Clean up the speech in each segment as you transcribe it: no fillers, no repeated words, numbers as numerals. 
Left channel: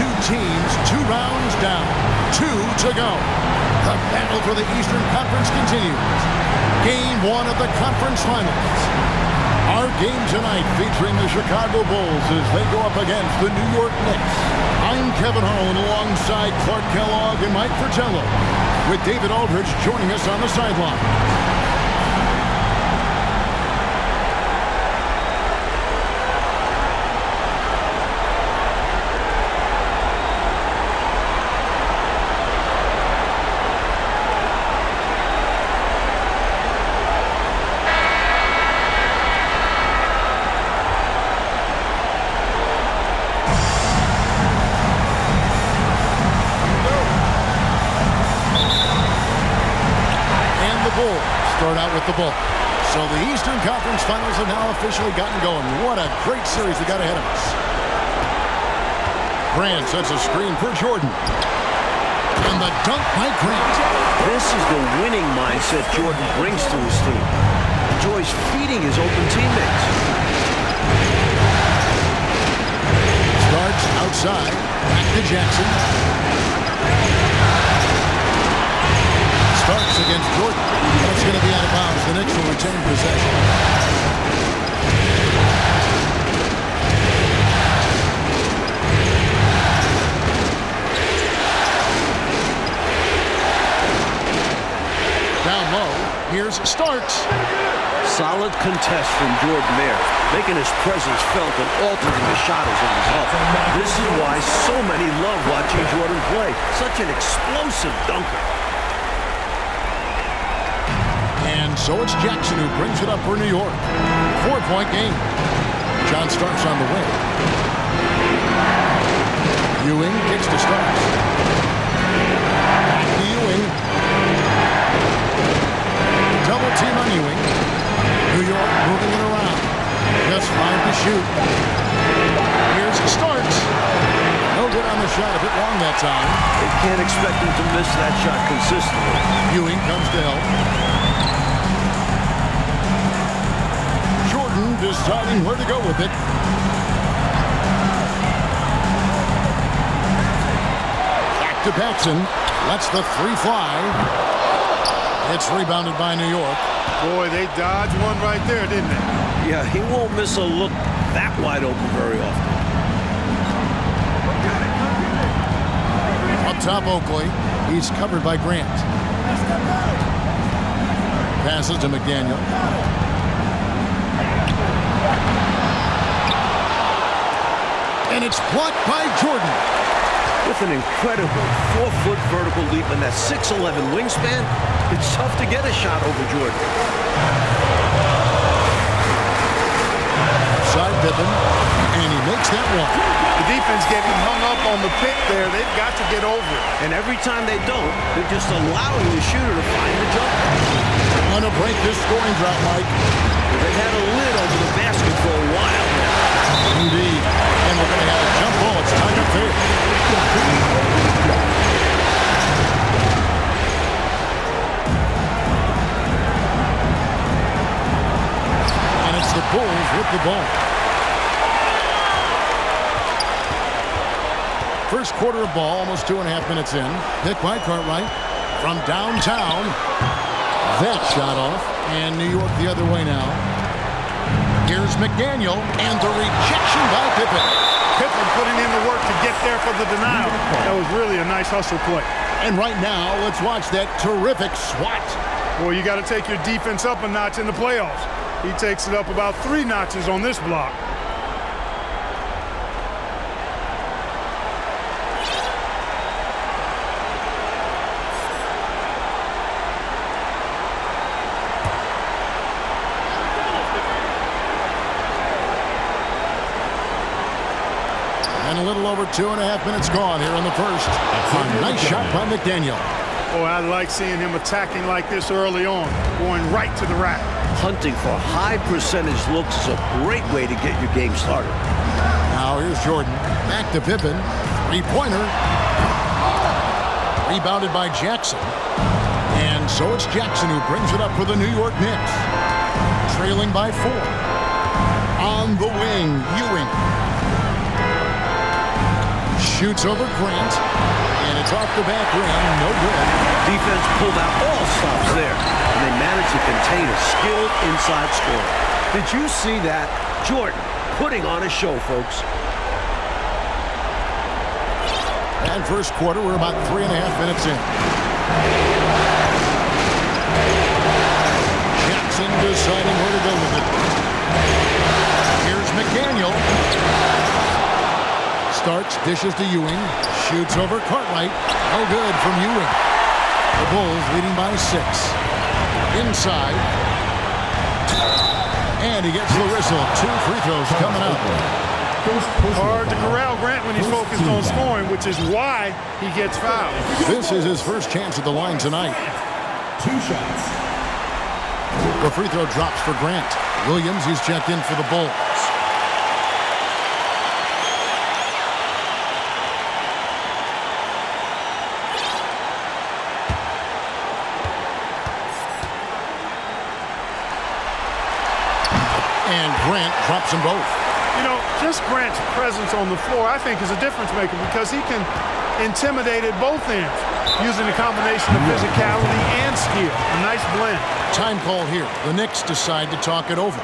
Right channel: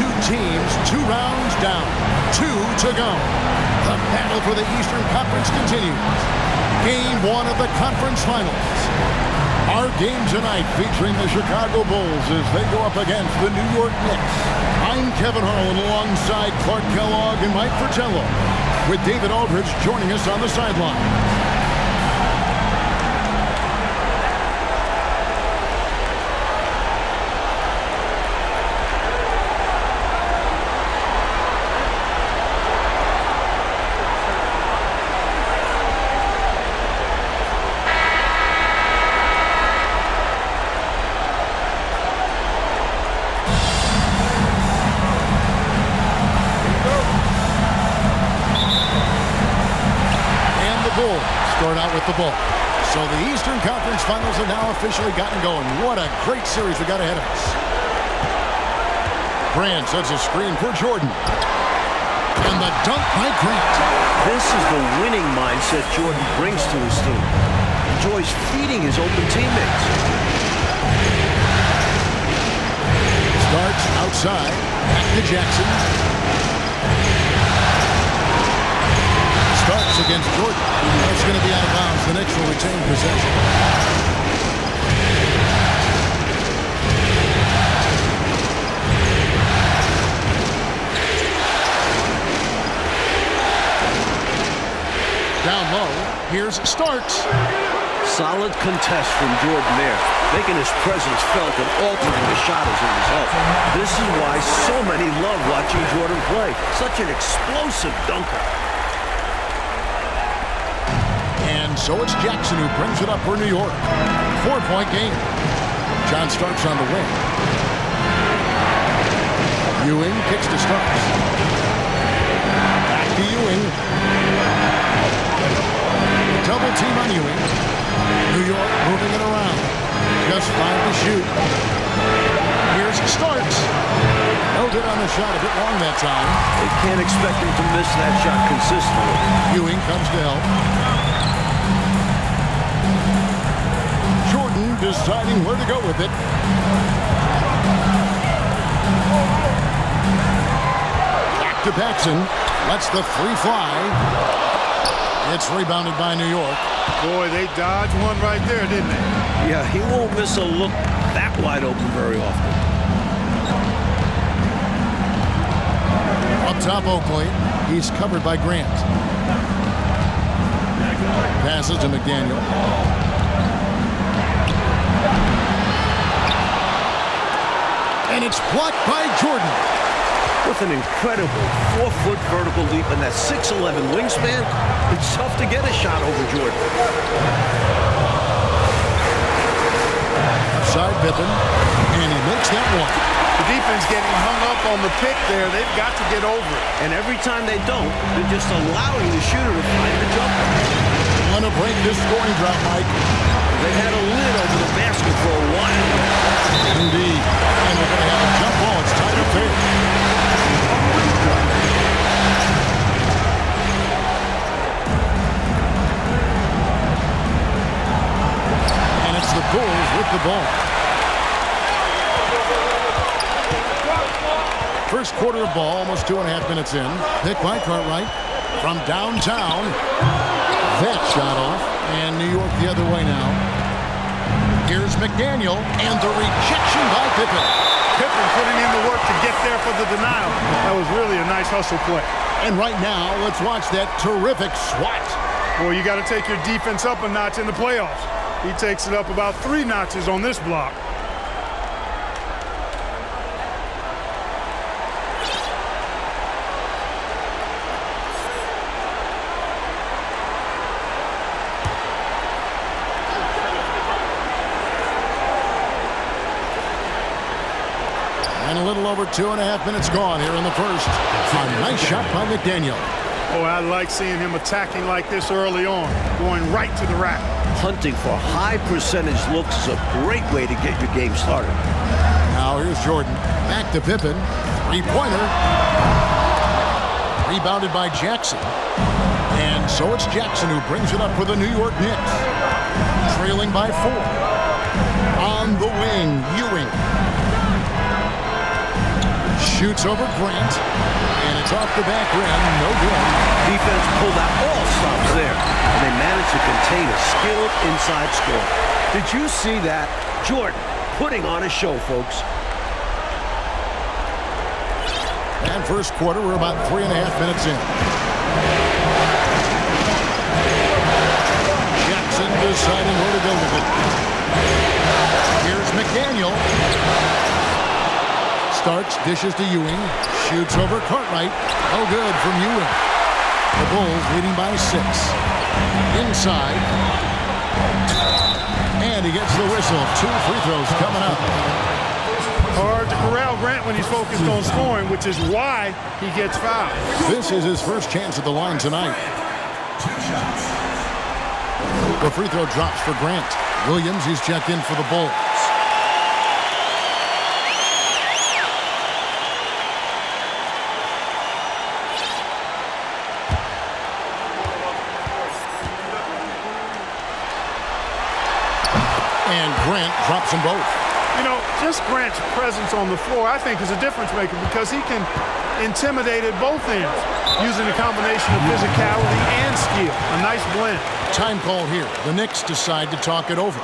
two teams 2 rounds down. 2 to go. The battle for the Eastern Conference continues. Game 1 of the conference finals. Our game tonight featuring the Chicago Bulls as they go up against the New York Knicks. I'm Kevin Harlan alongside Clark Kellogg and Mike Fratello, with David Aldridge joining us on the sideline. Bulls start out with the ball. So the Eastern Conference Finals have now officially gotten going. What a great series we got ahead of us. Grant sets a screen for Jordan. And the dunk by Grant. This is the winning mindset Jordan brings to his team. Enjoys feeding his open teammates. Starts outside. Back to Jackson. Starts against Jordan. That's going to be out of bounds. The Knicks will retain possession. Down low, here's Starks. Solid contest from Jordan there, making his presence felt and altering the shot as a result. This is why so many love watching Jordan play. Such an explosive dunker. And so it's Jackson who brings it up for New York. 4-point game. John Starks on the wing. Ewing kicks to Starks. Back to Ewing. Double team on Ewing. New York moving it around. Just 5 to shoot. Here's Starks. No good on the shot, a bit long that time. They can't expect him to miss that shot consistently. Ewing comes to help. Jordan deciding where to go with it. Back to Paxson. Lets the 3 fly. It's rebounded by New York. Boy, they dodged one right there, didn't they? Yeah, he won't miss a look that wide open very often. Up top, Oakley. He's covered by Grant. Passes to McDaniels. And it's blocked by Jordan. With an incredible 4-foot vertical leap and that 6'11" wingspan, it's tough to get a shot over Jordan. Outside Pippen, and he makes that one. The defense getting hung up on the pick there. They've got to get over it. And every time they don't, they're just allowing the shooter to find the jumper. They want to break this scoring drought, Mike. They've had a lid over the basket for a while now. Indeed. And we're going to have a jump ball. It's tied up there. And it's the Bulls with the ball. First quarter of ball, almost 2.5 minutes in. Pick by Cartwright from downtown. That shot off. And New York the other way now. Here's McDaniel, and the rejection by Pippen. Pippen putting in the work to get there for the denial. That was really a nice hustle play. And right now, let's watch that terrific swat. Boy, you got to take your defense up a notch in the playoffs. He takes it up about 3 notches on this block. And a little over 2.5 minutes gone here in the first. A nice shot by McDaniel. Oh, I like seeing him attacking like this early on, going right to the rack. Hunting for high percentage looks is a great way to get your game started. Now here's Jordan. Back to Pippen. 3-pointer. Rebounded by Jackson. And so it's Jackson who brings it up for the New York Knicks. Trailing by 4. On the wing, Ewing. Shoots over Grant. And it's off the back rim. No good. Defense pulled out all stops there, and they managed to contain a skilled inside scorer. Did you see that? Jordan putting on a show, folks. And first quarter, we're about 3.5 minutes in. Jackson deciding where to go with it. Here's McDaniel. Starks, dishes to Ewing. Shoots over Cartwright. No good from Ewing. The Bulls leading by 6. Inside. And he gets the whistle. 2 free throws coming up. Hard to corral Grant when he's focused on scoring, which is why he gets fouled. This is his first chance at the line tonight. 2 shots. The free throw drops for Grant. Williams, he's checked in for the Bulls. And Grant drops them both. You know, just Grant's presence on the floor, I think, is a difference maker because he can intimidate at both ends using a combination of physicality and skill. A nice blend. Time call here. The Knicks decide to talk it over.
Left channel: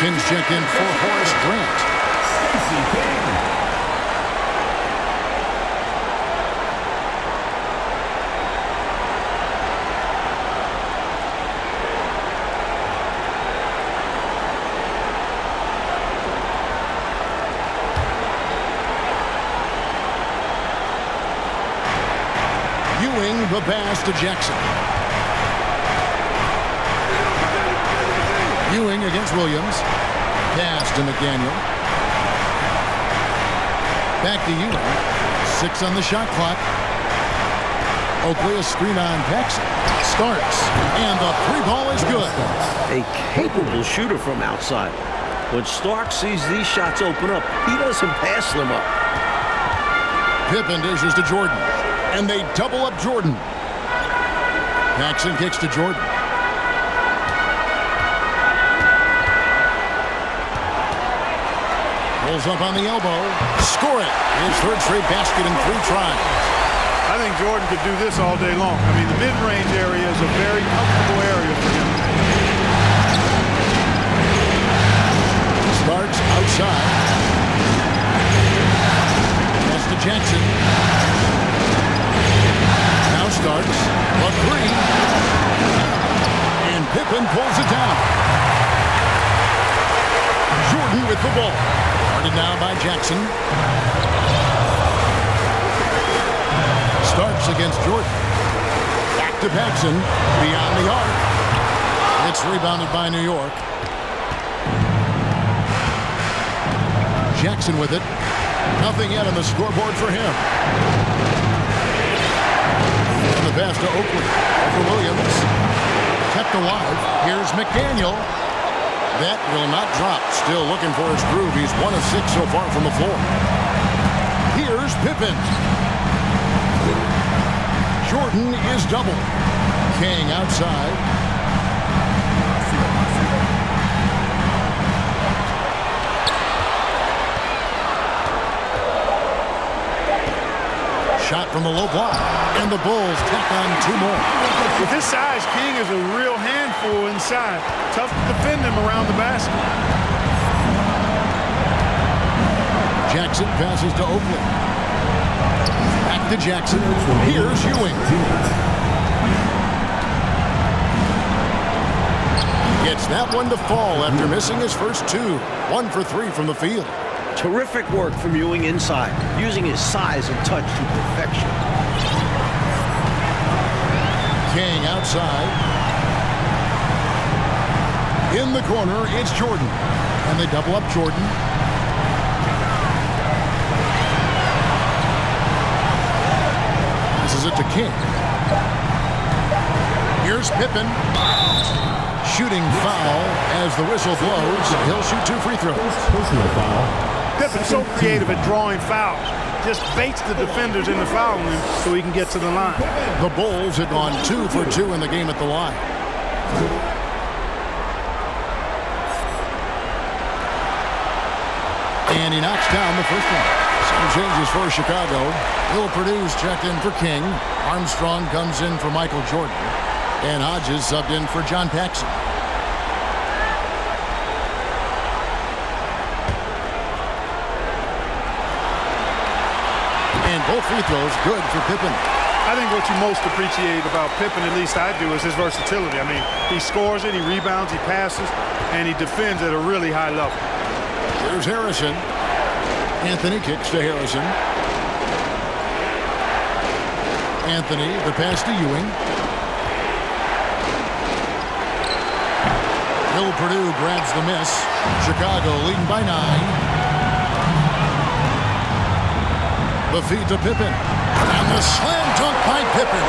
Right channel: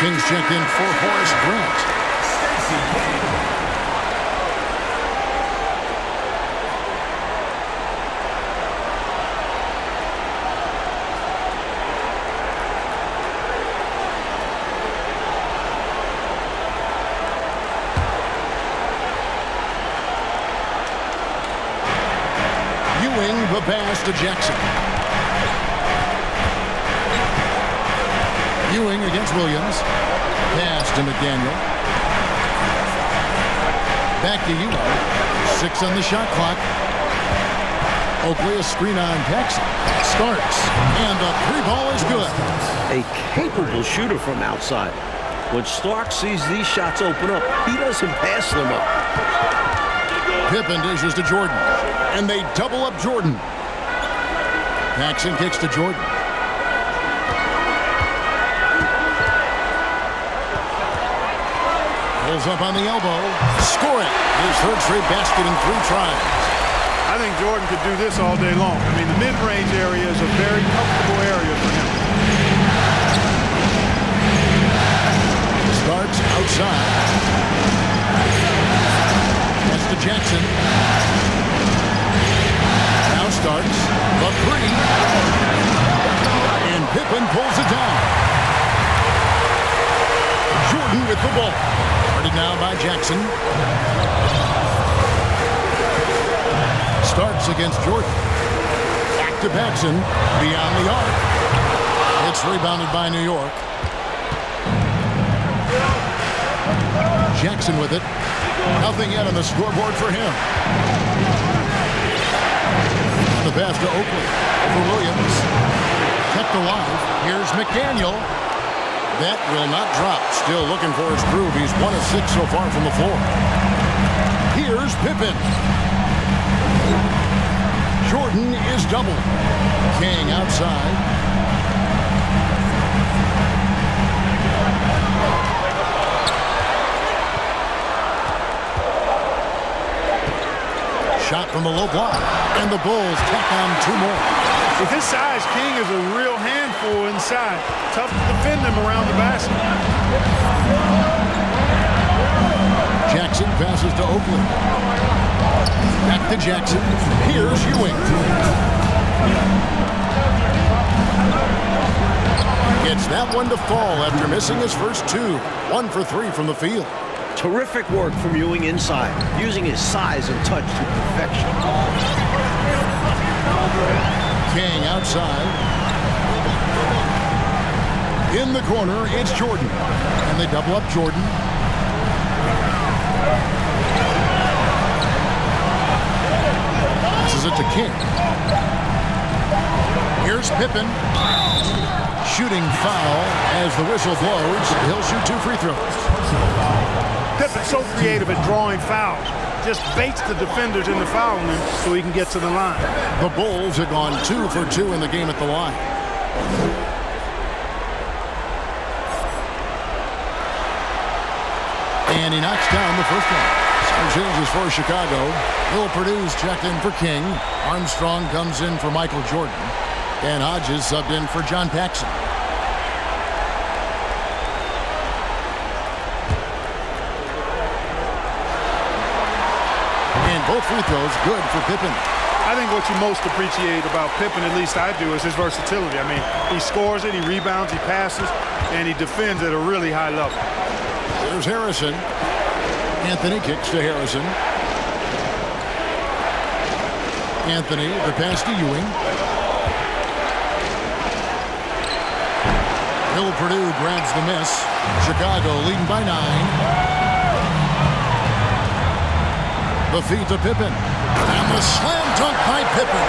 Kings checked in for Horace Grant. Stacey King. Ewing the pass to Jackson. Ewing against Williams. Pass to McDaniel. Back to Ewing. 6 on the shot clock. Oakley a screen on Paxson. Starks. And the 3-ball is good. A capable shooter from outside. When Starks sees these shots open up, he doesn't pass them up. Pippen dishes to Jordan. And they double up Jordan. Paxson kicks to Jordan. Pulls up on the elbow. Score it. His 3rd straight basket in 3 tries. I think Jordan could do this all day long. I mean, the mid-range area is a very comfortable area for him. Starks outside. Pass to Jackson. Now Starks. The 3. And Pippen pulls it down. Jordan with the ball. Guarded now by Jackson. Starks against Jordan. Back to Paxson. Beyond the arc. It's rebounded by New York. Jackson with it. Nothing yet on the scoreboard for him. And the pass to Oakley. Over Williams. Kept alive. Here's McDaniel. That will not drop. Still looking for his groove. He's 1 of 6 so far from the floor. Here's Pippen. Jordan is double. King outside. Shot from the low block. And the Bulls tack on 2 more. With his size, King is a real handful inside. Tough to defend him around the basket. Jackson passes to Oakley. Back to Jackson. Here's Ewing. Gets that one to fall after missing his first 2. 1 for 3 from the field. Terrific work from Ewing inside, using his size and touch to perfection. King outside. In the corner, it's Jordan. And they double up Jordan. Passes it to King. Here's Pippen. Shooting foul as the whistle blows. He'll shoot 2 free throws. Personal foul. Pippen's so creative at drawing fouls. Just baits the defenders into fouling him so he can get to the line. The Bulls have gone 2 for 2 in the game at the line. And he knocks down the first one. Some changes for Chicago. Will Purdue's checked in for King. Armstrong comes in for Michael Jordan. And Hodges subbed in for John Paxson. And both free throws good for Pippen. I think what you most appreciate about Pippen, at least I do, is his versatility. I mean, he scores it, he rebounds, he passes, and he defends at a really high level. Here's Harrison. Anthony kicks to Harrison. Anthony, the pass to Ewing. Will Purdue grabs the miss. Chicago leading by 9. The feed to Pippen. And the slam dunk by Pippen.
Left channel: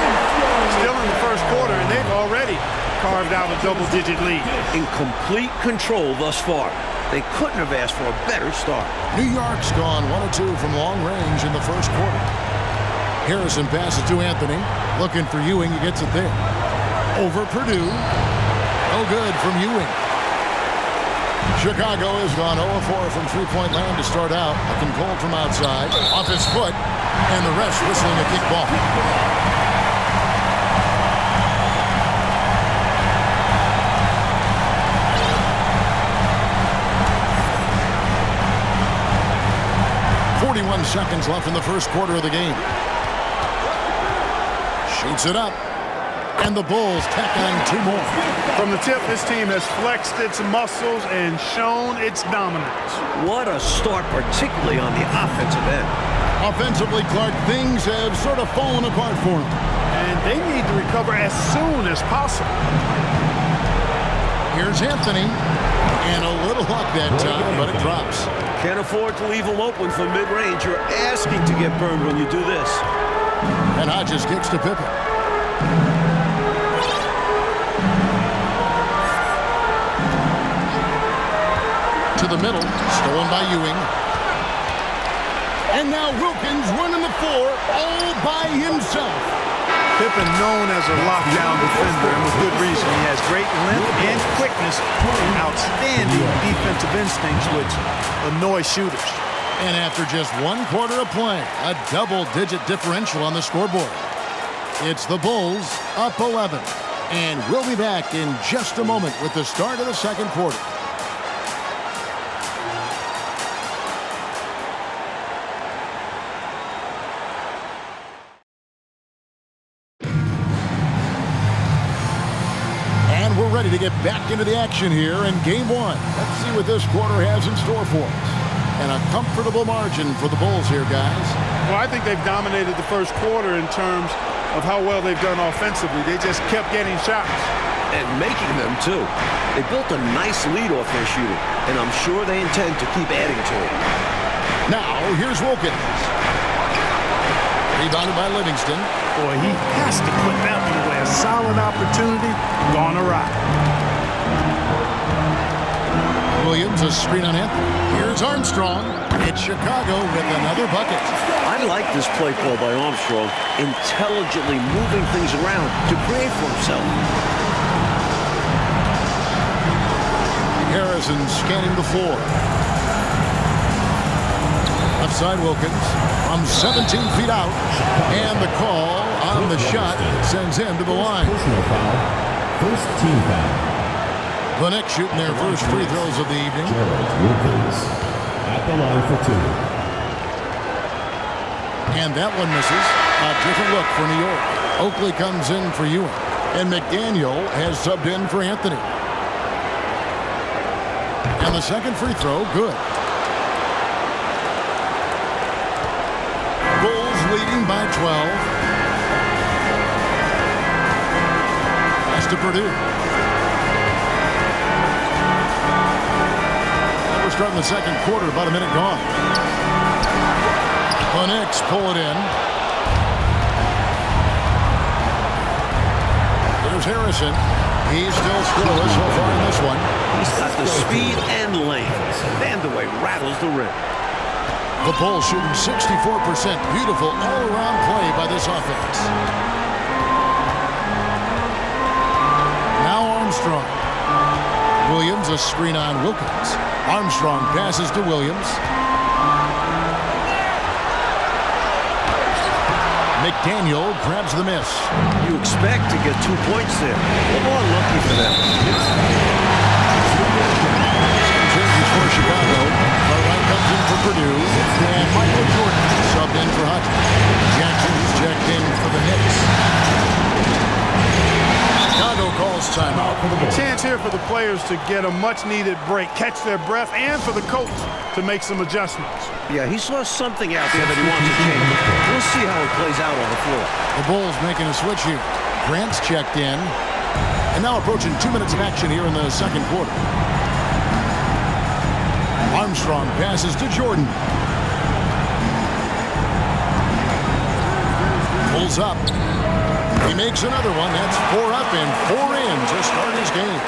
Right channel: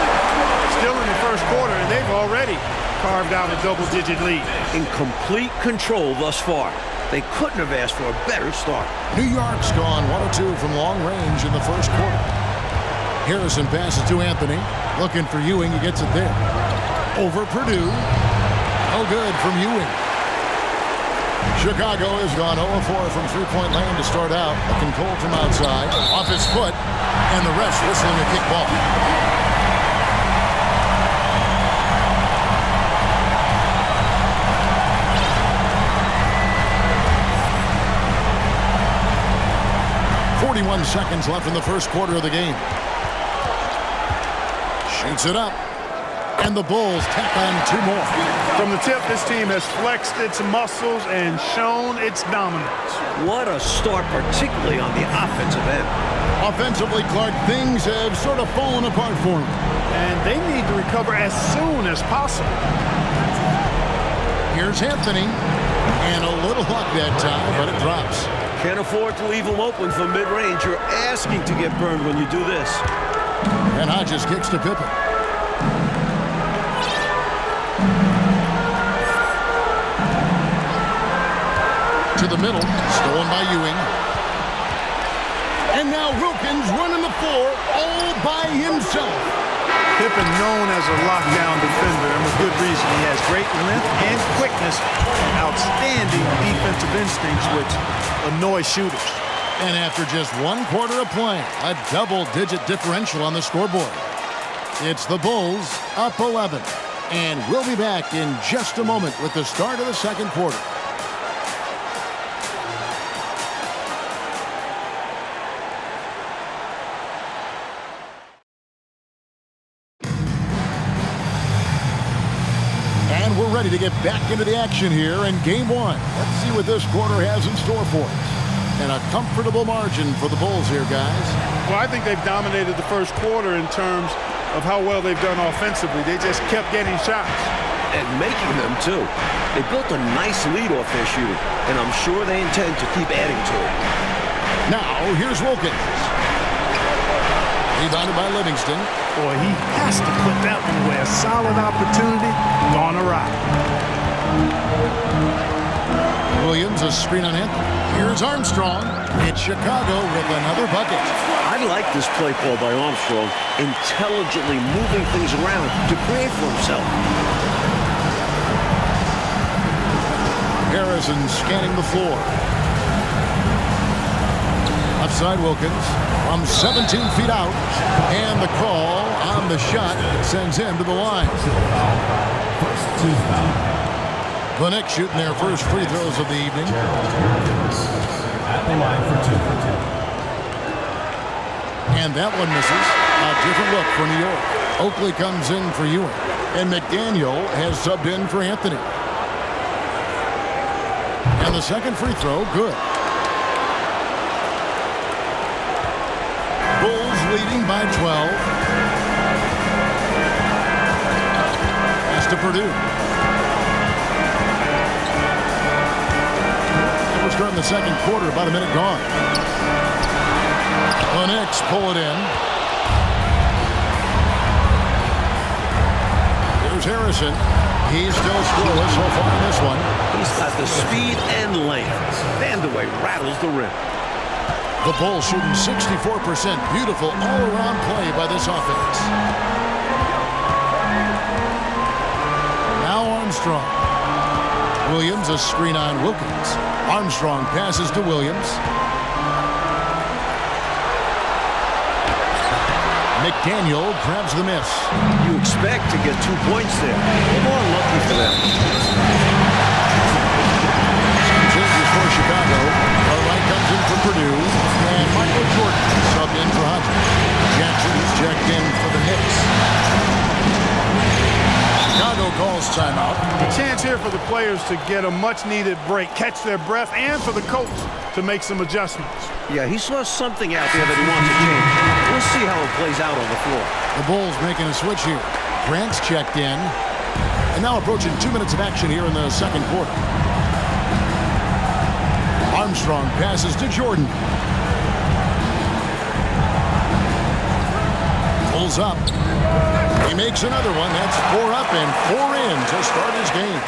Still in the first quarter, and they've already carved out a double-digit lead. In complete control thus far. They couldn't have asked for a better start. New York's gone 1 of 2 from long range in the first quarter. Harrison passes to Anthony. Looking for Ewing. He gets it there. Over Purdue. No good from Ewing. Chicago has gone 0-4 from three-point land to start out. Looking cold from outside. Off his foot. And the refs whistling a kick ball. .41 seconds left in the first quarter of the game. Shoots it up. And the Bulls tack on 2 more. From the tip, this team has flexed its muscles and shown its dominance. What a start, particularly on the offensive end. Offensively, Clark, things have sort of fallen apart for them. And they need to recover as soon as possible. Here's Anthony. And a little luck that time, but it drops. Can't afford to leave him open from mid-range. You're asking to get burned when you do this. And Hodges kicks to Pippen. To the middle, stolen by Ewing. And now Wilkins running the floor all by himself. Pippen known as a lockdown defender, and with good reason. He has great length and quickness and outstanding defensive instincts, which annoy shooters. And after just 1 quarter of play, a double-digit differential on the scoreboard. It's the Bulls up 11. And we'll be back in just a moment with the start of the second quarter. And we're ready to get back into the action here in Game 1. Let's see what this quarter has in store for us. And a comfortable margin for the Bulls here, guys. Well, I think they've dominated the first quarter in terms of how well they've done offensively. They just kept getting shots. And making them, too. They built a nice lead off their shooting, and I'm sure they intend to keep adding to it. Now, here's Wilkins. Rebounded by Livingston. Boy, he has to put that one away. A solid opportunity, gone awry. Williams, a screen on Anthony. Here's Armstrong. It's Chicago with another bucket. I like this play call by Armstrong, intelligently moving things around to create for himself. Harrison scanning the floor. Offside Wilkins from 17 feet out. And the call on the shot that sends him to the line. Personal foul. First team foul. The Knicks shooting their first free throws of the evening. Wilkins at the line for 2. And that one misses. A different look for New York. Oakley comes in for Ewing. And McDaniels has subbed in for Anthony. And the second free throw, good. Bulls leading by 12. Pass to Purdue. And we're starting the second quarter, about a minute gone. The Knicks pull it in. There's Harrison. He's still scoreless so far in this one. He's got the speed and length. Vandeweghe rattles the rim. The Bulls shooting 64%. Beautiful all-around play by this offense. Now Armstrong. Williams a screen on Wilkins. Armstrong passes to Williams. McDaniels grabs the miss. You expect to get 2 points there. A little unlucky for them. Some changes for Chicago. Cartwright comes in for Purdue. And Michael Jordan subbed in for Hodges. Jackson is checked in for the Knicks. Chicago calls timeout. A chance here for the players to get a much-needed break, catch their breath, and for the coach to make some adjustments. Yeah, he saw something out there that he wants to change. We'll see how it plays out on the floor. The Bulls making a switch here. Grant's checked in. And now approaching 2 minutes of action here in the second quarter. Armstrong passes to Jordan. Pulls up. He makes another one. That's 4 up and 4 in to start his game.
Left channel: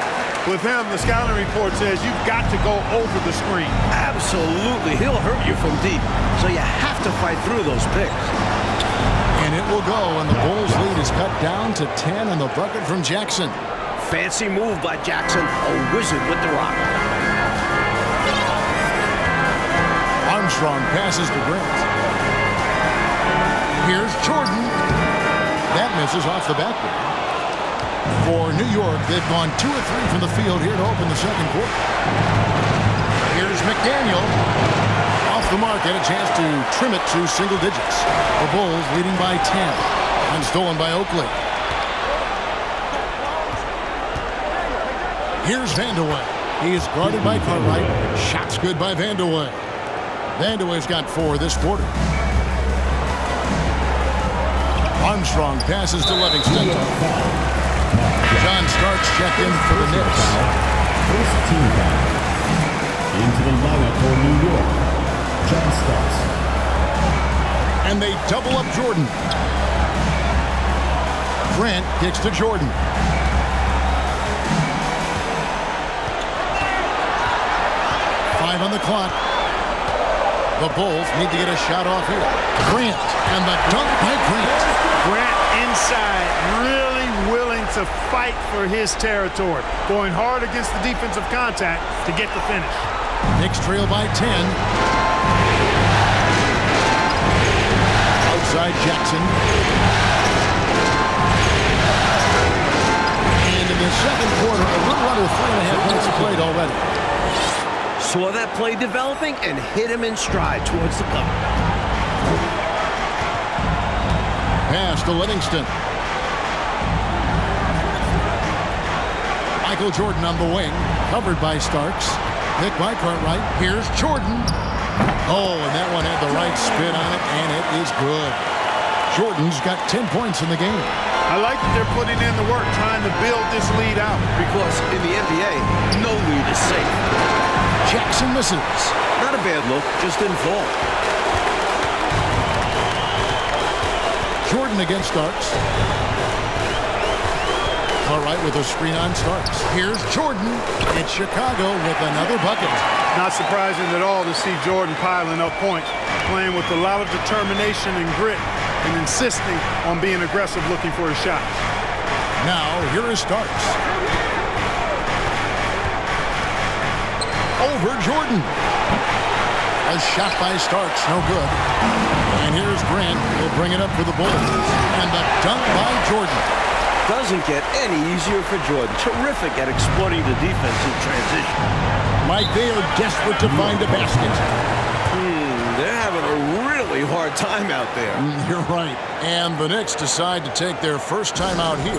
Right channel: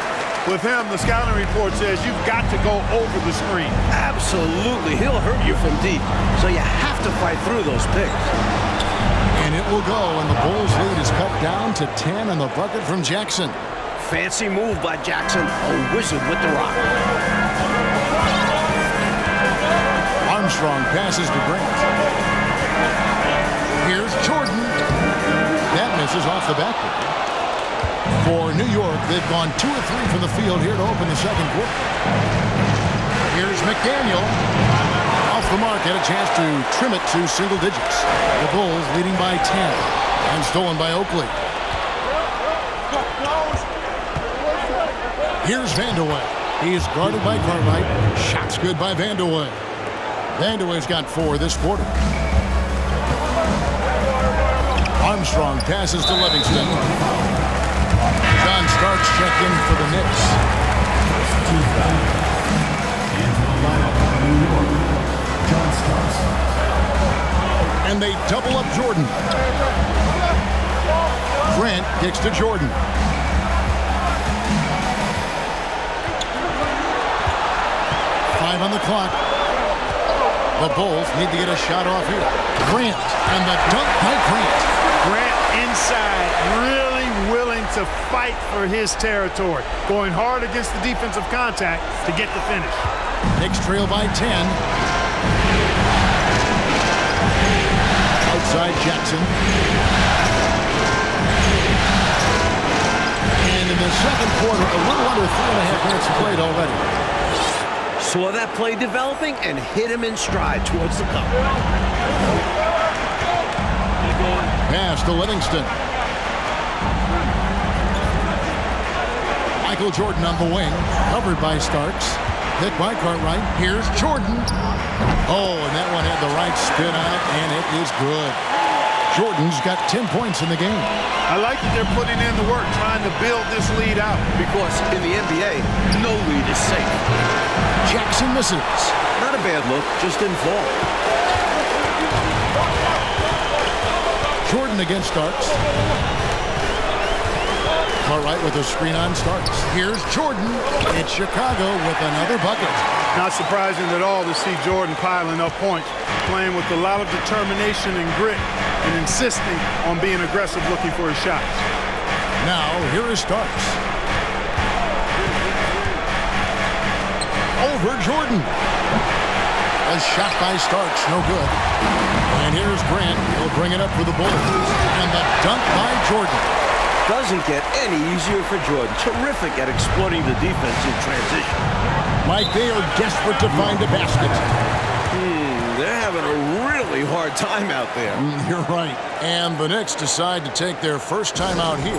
With him, the scouting report says you've got to go over the screen. Absolutely. He'll hurt you from deep. So you have to fight through those picks. And it will go, and the Bulls' lead is cut down to 10 on the bucket from Jackson. Fancy move by Jackson, a wizard with the rock. Armstrong passes to Grant. Here's Jordan. That misses off the backboard. For New York, they've gone 2 of 3 from the field here to open the second quarter. Here's McDaniel. Off the mark, had a chance to trim it to single digits. The Bulls leading by 10. And stolen by Oakley. Here's Vandeweghe. He is guarded by Cartwright. Shots good by Vandeweghe. Vandeweghe's got 4 this quarter. Armstrong passes to Livingston. John Starks checked in for the Knicks. First team foul. Into the lineup for New York, John Starks. And they double up Jordan. Grant kicks to Jordan. Five on the clock. The Bulls need to get a shot off here. Grant, and the dunk by Grant. Grant inside, really willing to fight for his territory. Going hard against the defensive contact to get the finish. Knicks trail by 10. Outside Jackson. And in the second quarter, a little under 3.5 minutes played already. Saw that play developing and hit him in stride towards the cup. Pass to Livingston. Michael Jordan on the wing, covered by Starks. Hit by Cartwright. Here's Jordan. Oh, and that one had the right spin on it, and it is good. Jordan's got 10 points in the game. I like that they're putting in the work, trying to build this lead out. Because in the NBA, no lead is safe. Jackson misses. Not a bad look, just didn't fall. Jordan against Starks. Cartwright with a screen on Starks. Here's Jordan. It's Chicago with another bucket. Not surprising at all to see Jordan piling up points, playing with a lot of determination and grit, and insisting on being aggressive looking for his shots. Now, here is Starks. Over Jordan. A shot by Starks, no good. And here's Grant. He'll bring it up for the Bulls. And the dunk by Jordan. Doesn't get any easier for Jordan. Terrific at exploiting the defense in transition. Mike, they are desperate to find a basket. They're having a really hard time out there. You're right. And the Knicks decide to take their first time out here.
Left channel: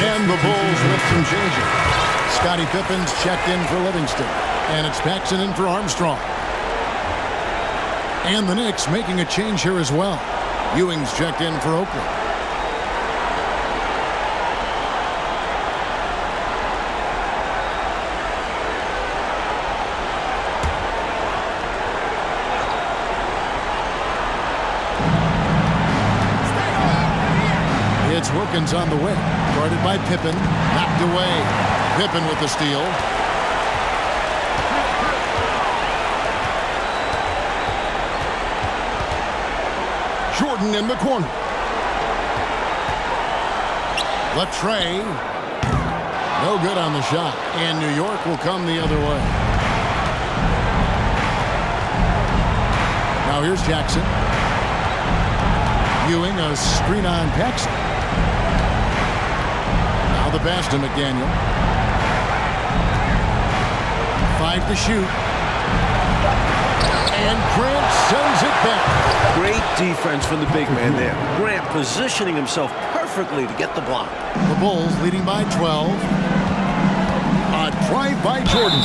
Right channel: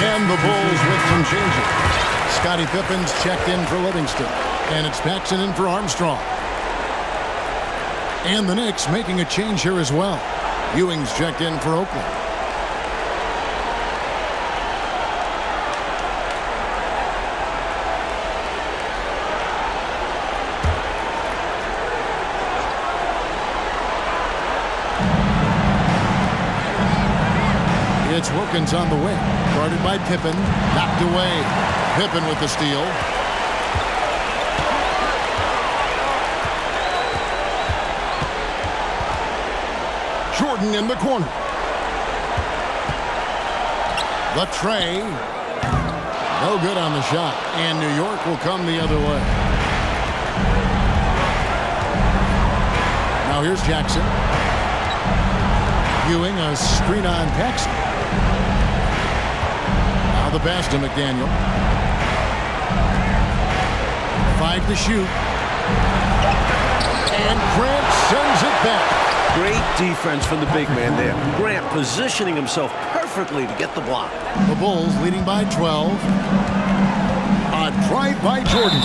And the Bulls with some changing. Scottie Pippen's checked in for Livingston. And it's Paxson in for Armstrong. And the Knicks making a change here as well. Ewing's checked in for Oakley. It's Wilkins on the wing. Guarded by Pippen. Knocked away. Pippen with the steal. Jordan in the corner. The tray. No good on the shot. And New York will come the other way. Now here's Jackson. Ewing, a screen on Paxson. Now the pass to McDaniel. 5 to shoot. And Grant sends it back. Great defense from the big man there. Grant positioning himself perfectly to get the block. The Bulls leading by 12. A drive by Jordan.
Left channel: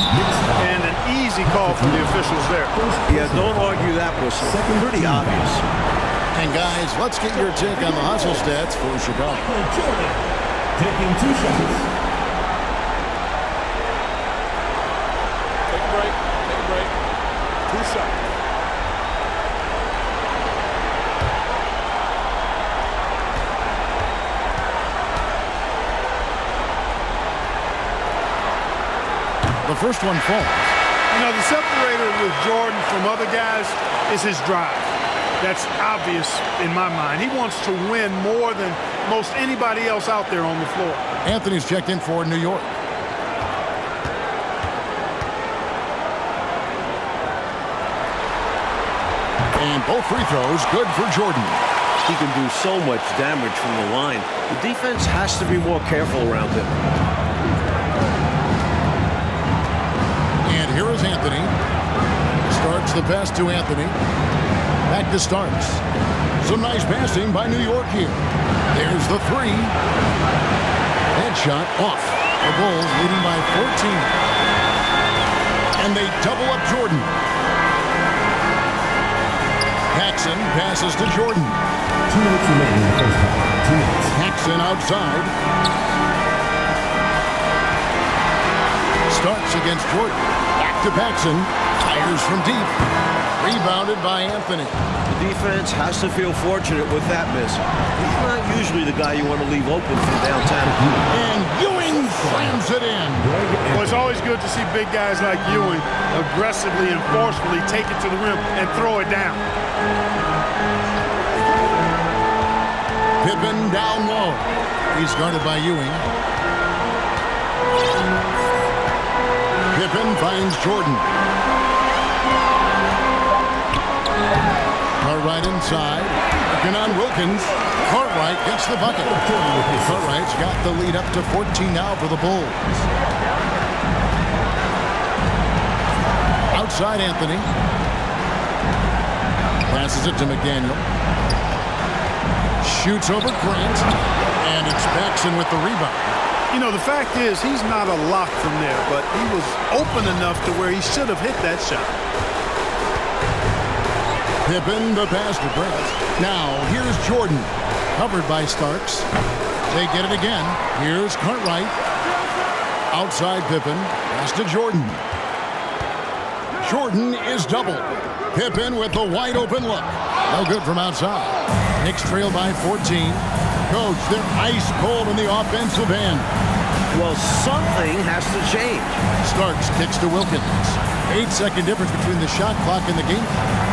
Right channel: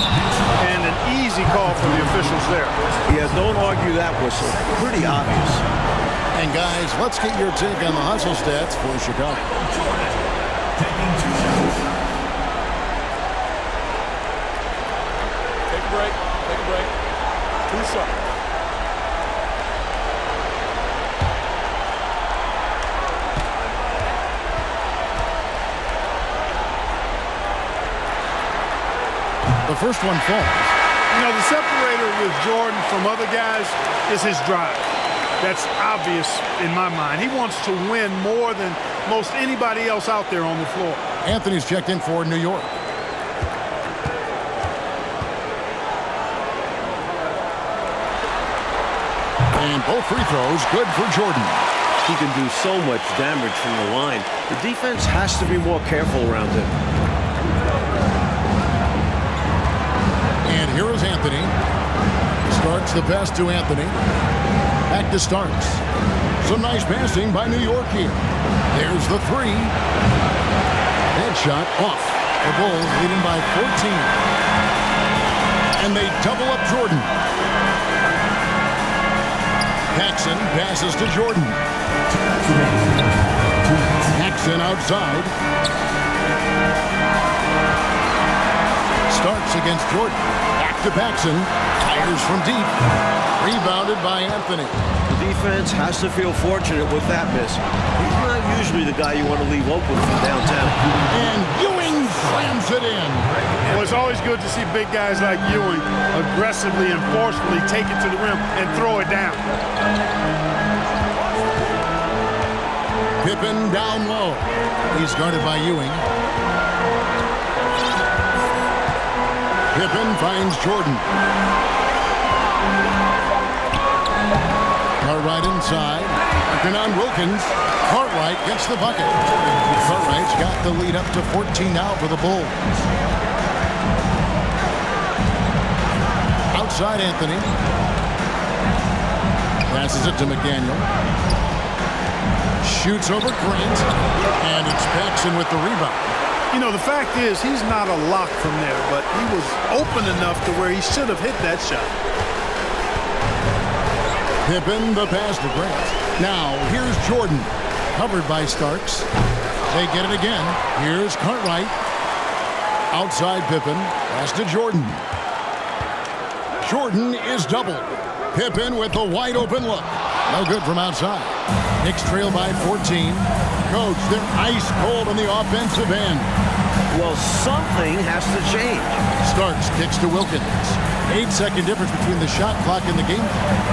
And an easy call for the officials there. Yeah, don't argue that whistle. Pretty obvious. And guys, let's get your take on the hustle stats for Chicago. Jordan taking 2 shots. Take a break. Take a break. 2 shots. The first one falls. You know, the separator with Jordan from other guys is his drive. That's obvious in my mind. He wants to win more than most anybody else out there on the floor. Anthony's checked in for New York. And both free throws good for Jordan. He can do so much damage from the line. The defense has to be more careful around him. And here is Anthony. Starks the pass to Anthony. Back to Starks. Some nice passing by New York here. There's the 3. That shot off. The Bulls leading by 14. And they double up Jordan. Paxson passes to Jordan. 2 minutes remaining in the first half. 2 minutes. Paxson outside. Starks against Jordan. Back to Paxson. Fires from deep. Rebounded by Anthony. The defense has to feel fortunate with that miss. He's not usually the guy you want to leave open from downtown. And Ewing slams it in. Well, it's always good to see big guys like Ewing aggressively and forcefully take it to the rim and throw it down. Pippen down low. He's guarded by Ewing. Pippen finds Jordan. Cartwright inside. Working on Wilkins. Cartwright gets the bucket. Cartwright's got the lead up to 14 now for the Bulls. Outside Anthony. Passes it to McDaniel. Shoots over Grant. And it's Paxson with the rebound. You know, the fact is he's not a lock from there, but he was open enough to where he should have hit that shot. Pippen, the pass to Grant. Now, here's Jordan. Covered by Starks. They get it again. Here's Cartwright. Outside Pippen. Pass to Jordan. Jordan is doubled. Pippen with the wide open look. No good from outside. Knicks trail by 14. Coach, they're ice cold on the offensive end. Well, something has to change. Starks kicks to Wilkins. 8-second difference between the shot clock and the game clock.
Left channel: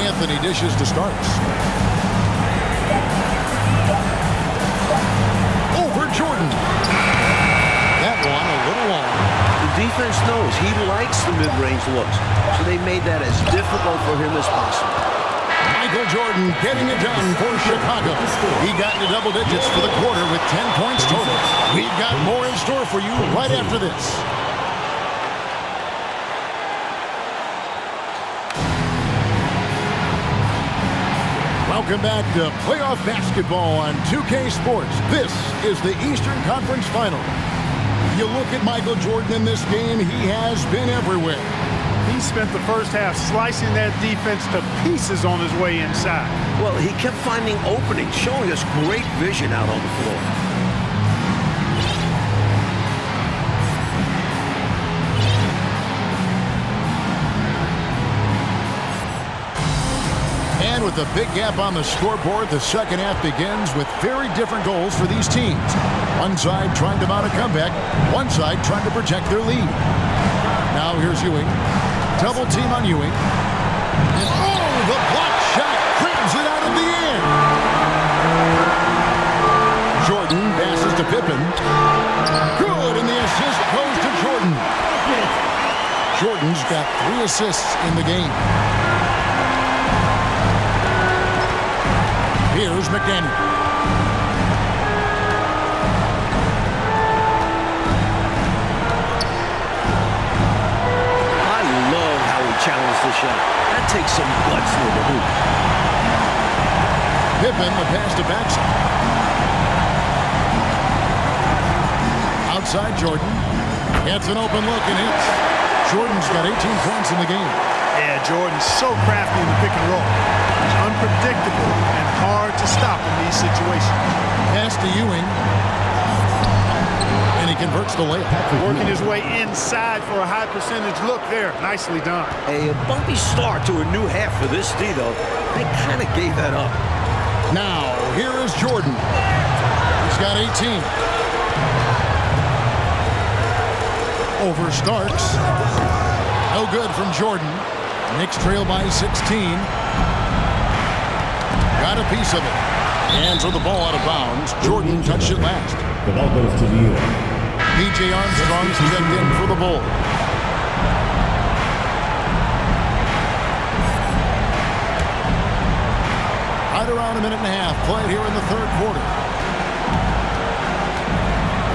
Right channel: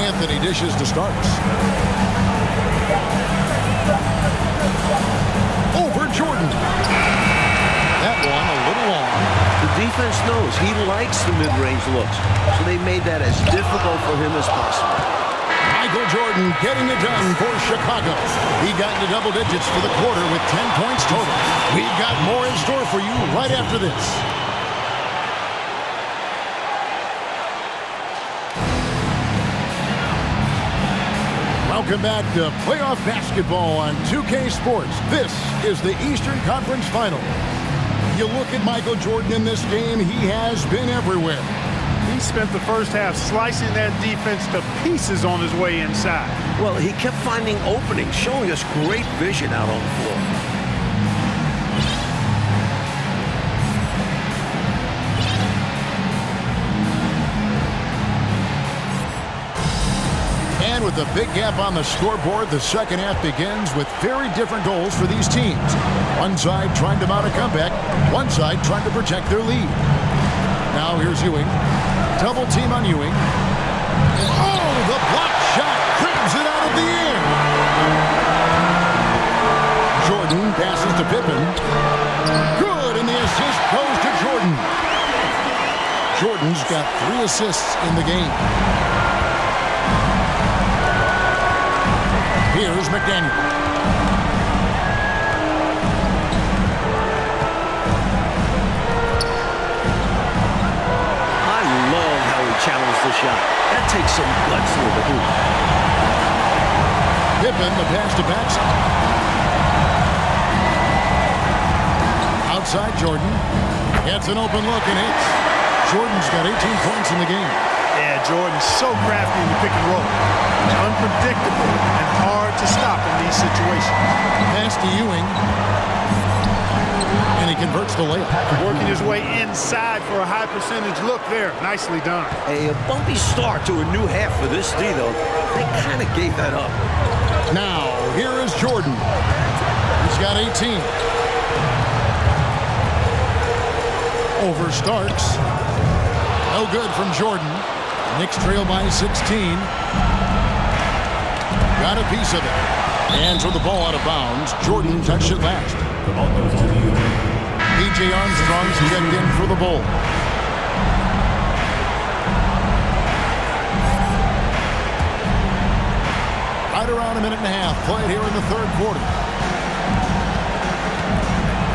Anthony dishes to Starks. Over Jordan. That one a little long. The defense knows he likes the mid-range looks, so they made that as difficult for him as possible. Michael Jordan getting it done for Chicago. He got into double digits for the quarter with 10 points total. We've got more in store for you right after this. Welcome back to playoff basketball on 2K Sports. This is the Eastern Conference Final. You look at Michael Jordan in this game, he has been everywhere. He spent the first half slicing that defense to pieces on his way inside. Well, he kept finding openings, showing us great vision out on the floor. And with With a big gap on the scoreboard, the second half begins with very different goals for these teams. One side trying to mount a comeback, one side trying to protect their lead. Now here's Ewing. Double team on Ewing. And oh, the block shot grabs it out of the air. Jordan passes to Pippen. Good, and the assist goes to Jordan. Jordan's got 3 assists in the game. Here's McDaniels. I love how he challenged the shot. That takes some guts near the hoop. Pippen, the pass to Paxson. Outside Jordan. Gets an open look and hits. Jordan's got 18 points in the game. Yeah, Jordan's so crafty in the pick and roll. It's unpredictable and hard to stop in these situations. Pass to Ewing. And he converts the layup. Working his way inside for a high percentage look there. Nicely done. A bumpy start to a new half for this D, though. They kind of gave that up. Now, here is Jordan. He's got 18. Over Starks. No good from Jordan. Knicks trail by 16. Got a piece of it. Hands on the ball out of bounds. Jordan touched it last. The ball goes to the Ewing. P.J. Armstrong's checked in for the Bulls. Right around a minute and a half played here in the third quarter.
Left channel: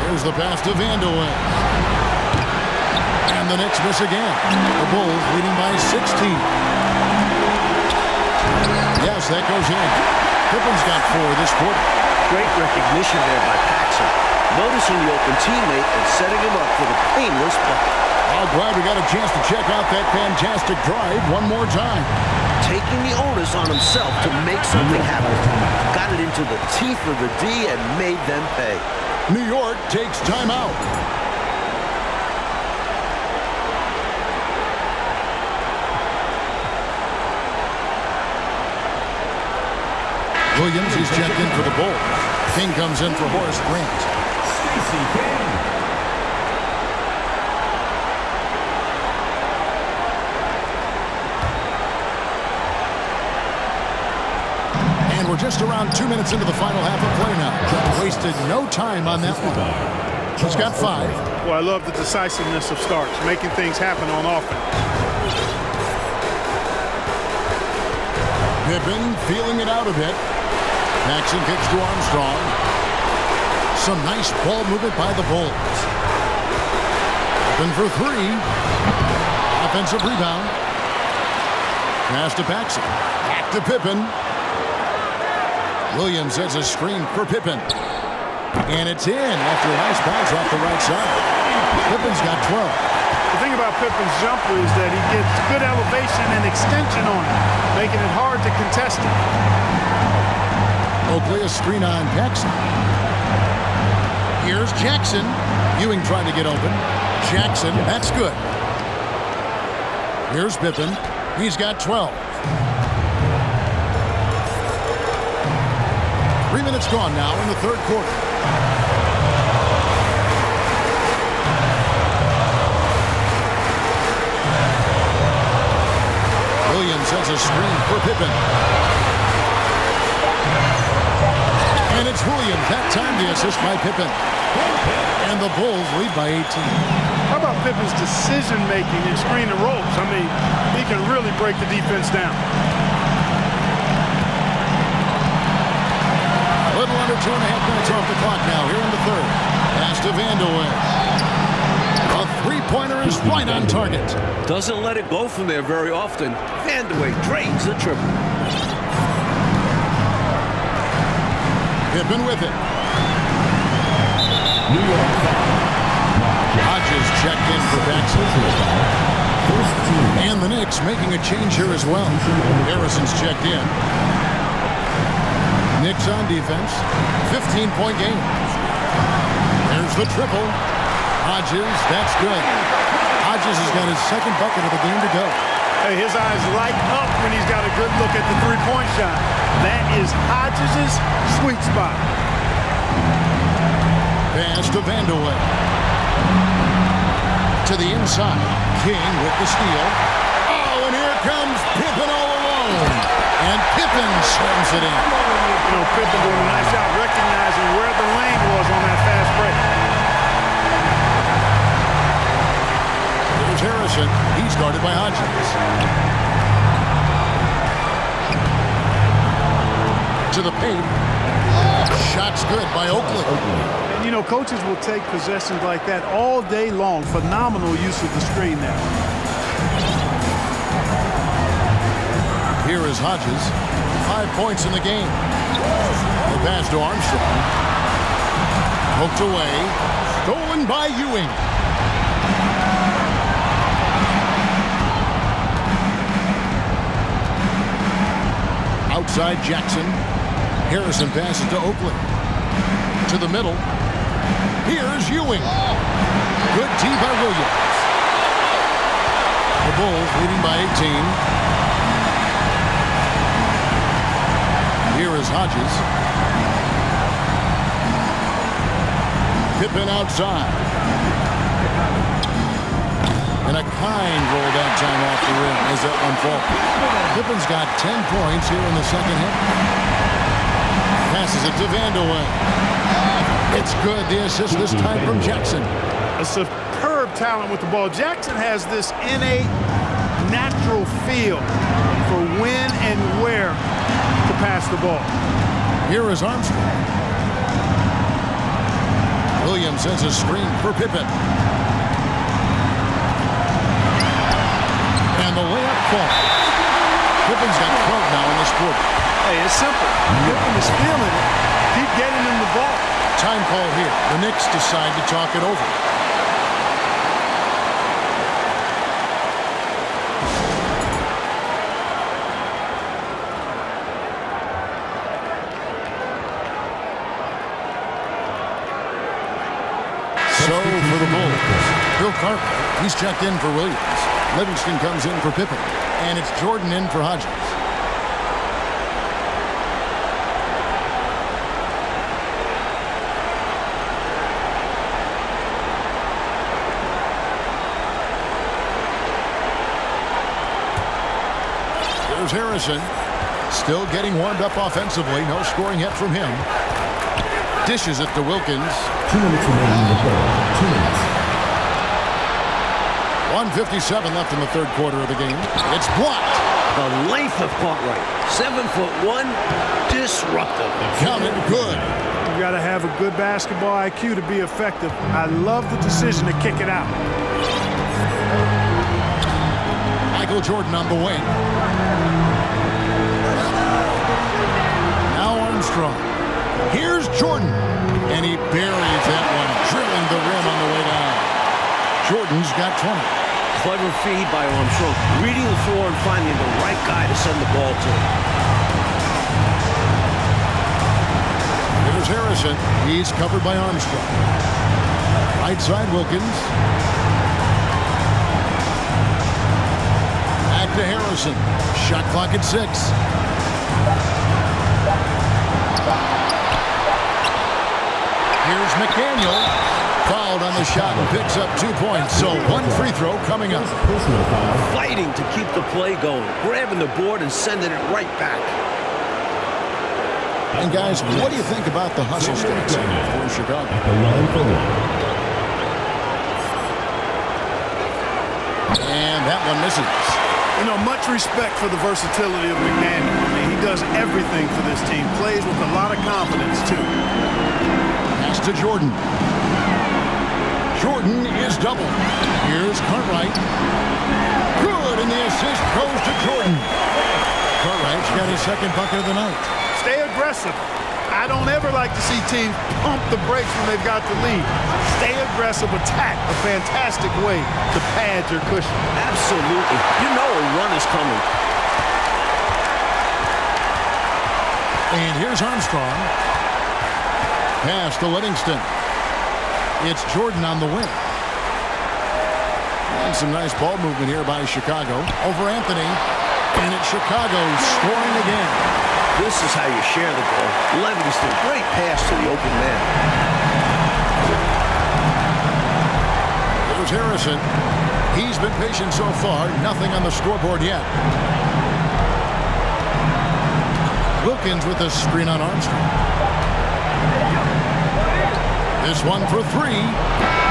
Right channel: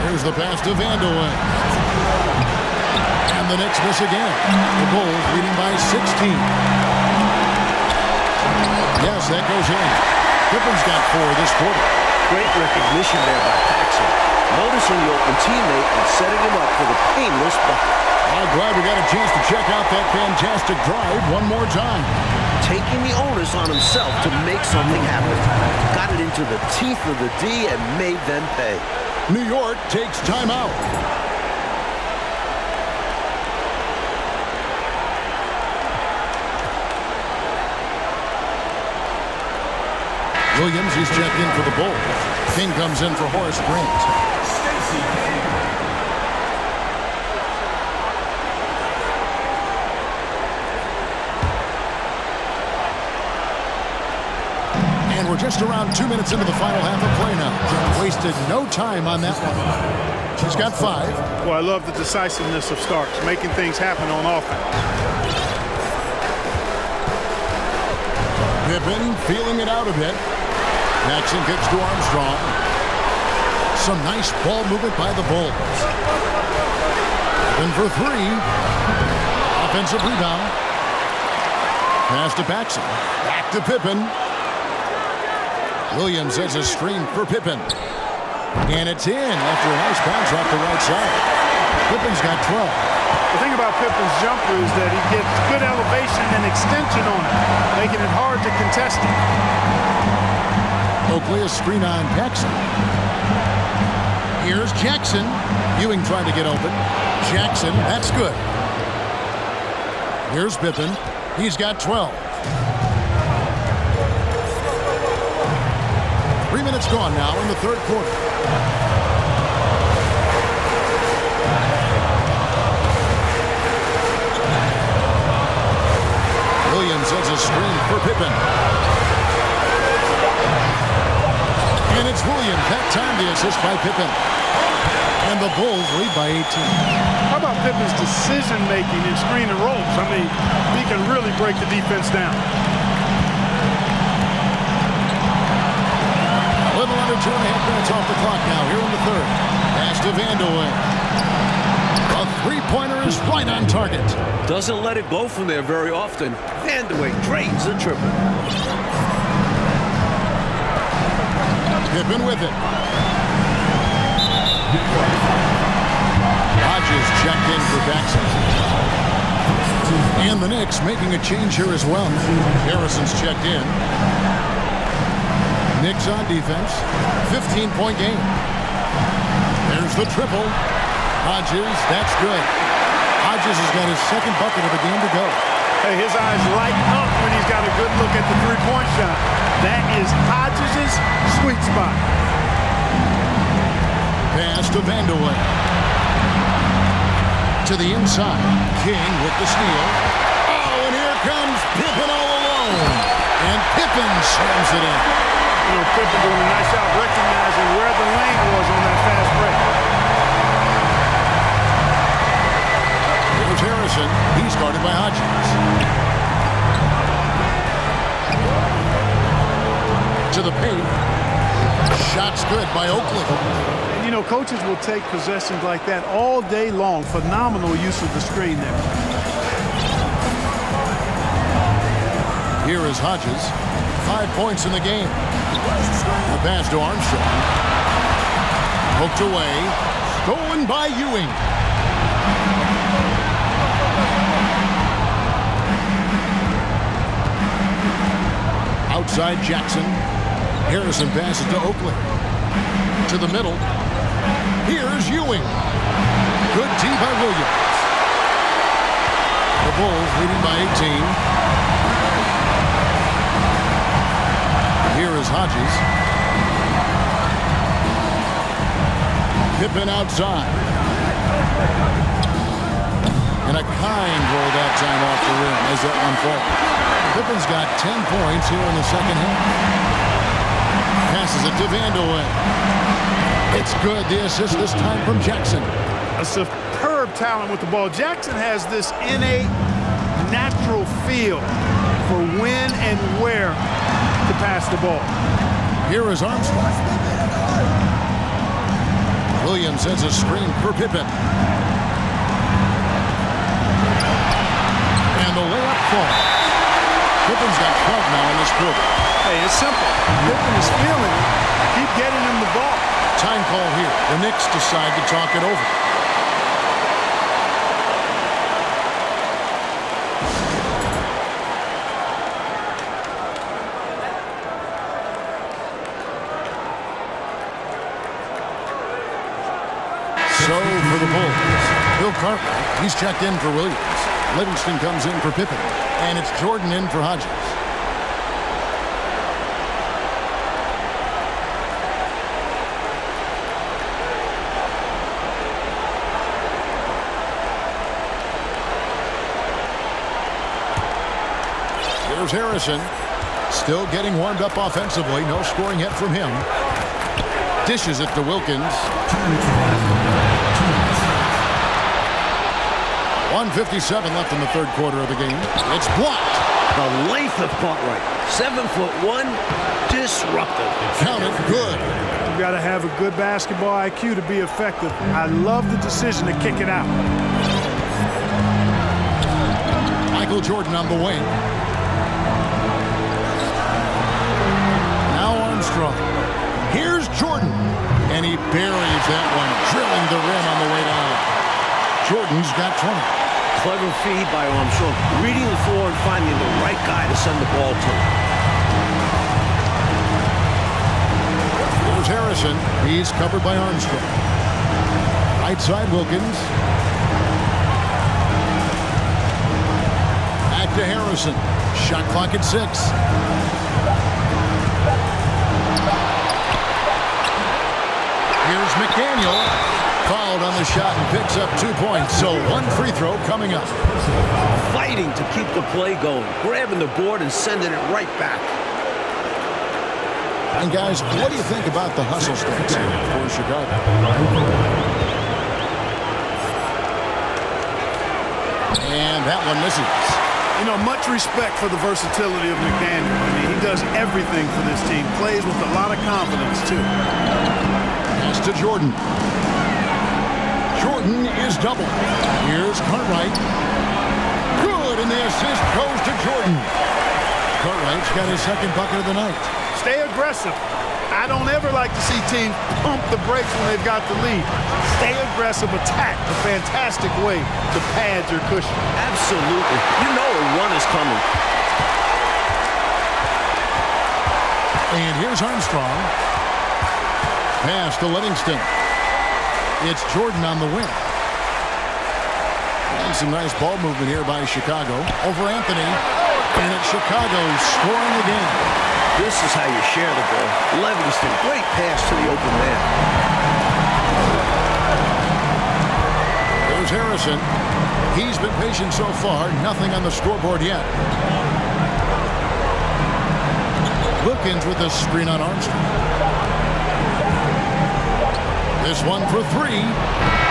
Here's the pass to Vandeweghe. And the Knicks miss again. The Bulls leading by 16. Yes, that goes in. Pippen's got 4 this quarter. Great recognition there by Paxson. Noticing the open teammate and setting him up for the painless bucket. I'm glad we got a chance to check out that fantastic drive one more time. Taking the onus on himself to make something happen. Got it into the teeth of the D and made them pay. New York takes timeout. Williams, he's checked in for the Bulls. King comes in for Horace Grant. Stacey King. And we're just around 2 minutes into the final half of play now. Wasted no time on that one. He's got 5. Well, I love the decisiveness of Starks, making things happen on offense. Pippen feeling it out a bit. Paxson kicks to Armstrong. Some nice ball movement by the Bulls. Pippen for 3. Offensive rebound. Pass to Paxson. Back to Pippen. Williams sets a screen for Pippen. And it's in after a nice bounce off the right side. Pippen's got 12. The thing about Pippen's jumper is that he gets good elevation and extension on it, making it hard to contest it. Oakley, a screen on Paxson. Here's Jackson. Ewing trying to get open. Jackson, that's good. Here's Pippen. He's got 12. 3 minutes gone now in the third quarter. Williams sets a screen for Pippen. And it's Williams. That time the assist by Pippen. And the Bulls lead by 18. How about Pippen's decision-making in screen and rolls? I mean, he can really break the defense down. A little under 2.5 minutes off the clock now here in the third. Pass to Vandeweghe. A three-pointer is right on target. Doesn't let it go from there very often. Vandeweghe drains the triple. Pippen with it. Hodges checked in for Paxson. And the Knicks making a change here as well. Harrison's checked in. Knicks on defense. 15-point game. There's the triple. Hodges, that's good. Hodges has got his second bucket of the game to go. Hey, his eyes light up when he's got a good look at the three-point shot. That is Hodges' sweet spot. Pass to Vandeweghe. To the inside. King with the steal. Oh, and here comes Pippen all alone. And Pippen slams it in. You know, Pippen doing a nice job recognizing where the lane was on that fast break. Here's Harrison. He's guarded by Hodges. To the paint. Shot's good by Oakley. And, you know, coaches will take possessions like that all day long. Phenomenal use of the screen there. Here is Hodges. 5 points in the game. The pass to Armstrong. Poked away. Stolen by Ewing. Outside Jackson. Harrison passes to Oakley. To the middle. Here's Ewing. Good D by Williams. The Bulls leading by 18. Here is Hodges. Pippen outside. And a kind roll that time off the rim as that one falls. Pippen's got 10 points here in the second half. Passes it to Vandeweghe. It's good. The assist this time from Jackson. A superb talent with the ball. Jackson has this innate, natural feel for when and where to pass the ball. Here is Armstrong. Williams sends a screen for Pippen. And the layup falls. Pippen's got 12 now in this quarter. Hey, it's simple. Pippen is feeling it. Keep getting him the ball. Time call here. The Knicks decide to talk it over. So for the Bulls, Bill Cartwright, he's checked in for Williams. Livingston comes in for Pippen. And it's Jordan in for Hodges. Here's Harrison. Still getting warmed up offensively. No scoring yet from him. Dishes it to Wilkins. 2 minutes remaining in the third. 2 minutes. 1:57 left in the third quarter of the game. It's blocked. The length of Cartwright. 7'1", disruptive. Count it, good. You got to have a good basketball IQ to be effective. I love the decision to kick it out. Michael Jordan on the wing. Now Armstrong. Here's Jordan. And he buries that one, drilling the rim on the way down. Jordan's got 20. Clever feed by Armstrong. Reading the floor and finding the right guy to send the ball to. Here's Harrison. He's covered by Armstrong. Right side Wilkins. Back to Harrison. Shot clock at 6. Here's McDaniels. Fouled on the shot and picks up 2 points. So one free throw coming up. Fighting to keep the play going. Grabbing the board and sending it right back. And guys, what do you think about the hustle stats here for Chicago? And that one misses. You know, much respect for the versatility of McDaniels. I mean, he does everything for this team. Plays with a lot of confidence, too. Pass to Jordan. Jordan is doubled. Here's Cartwright. Good, and the assist goes to Jordan. Cartwright's got his second bucket of the night. Stay aggressive. I don't ever like to see teams pump the brakes when they've got the lead. Stay aggressive, attack. A fantastic way to pad your cushion. Absolutely. You know a run is coming. And here's Armstrong. Pass to Livingston. It's Jordan on the wing. And some nice ball movement here by Chicago. Over Anthony. And it's Chicago scoring again. This is how you share the ball. Livingston, great pass to the open man. There's Harrison. He's been patient so far. Nothing on the scoreboard yet. Wilkins with a screen on Armstrong. This one for three.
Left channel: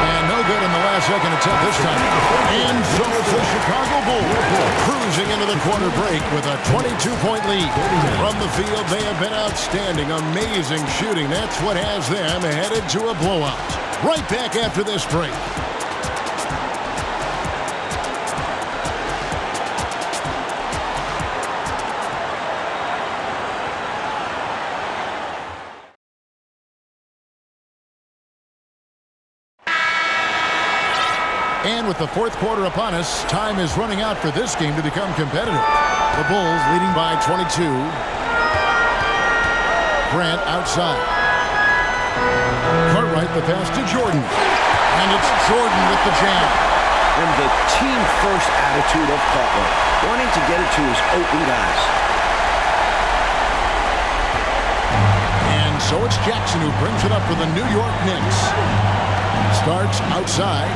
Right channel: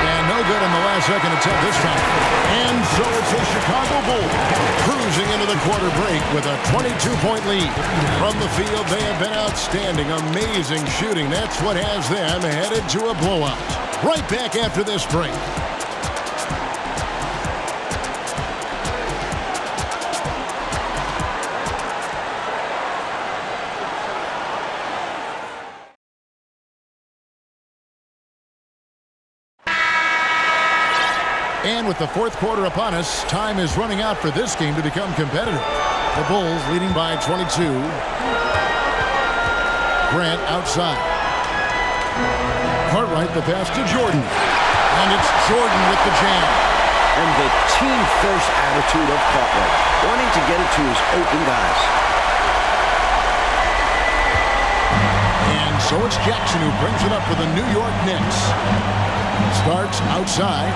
And no good on the last second attempt this time. And so it's the Chicago Bulls cruising into the quarter break with a 22-point lead. From the field, they have been outstanding. Amazing shooting. That's what has them headed to a blowout. Right back after this break. And with the fourth quarter upon us, time is running out for this game to become competitive. The Bulls leading by 22. Grant outside. Cartwright the pass to Jordan. And it's Jordan with the jam. And the team-first attitude of Cartwright, wanting to get it to his open guys. And so it's Jackson who brings it up for the New York Knicks. Starks outside.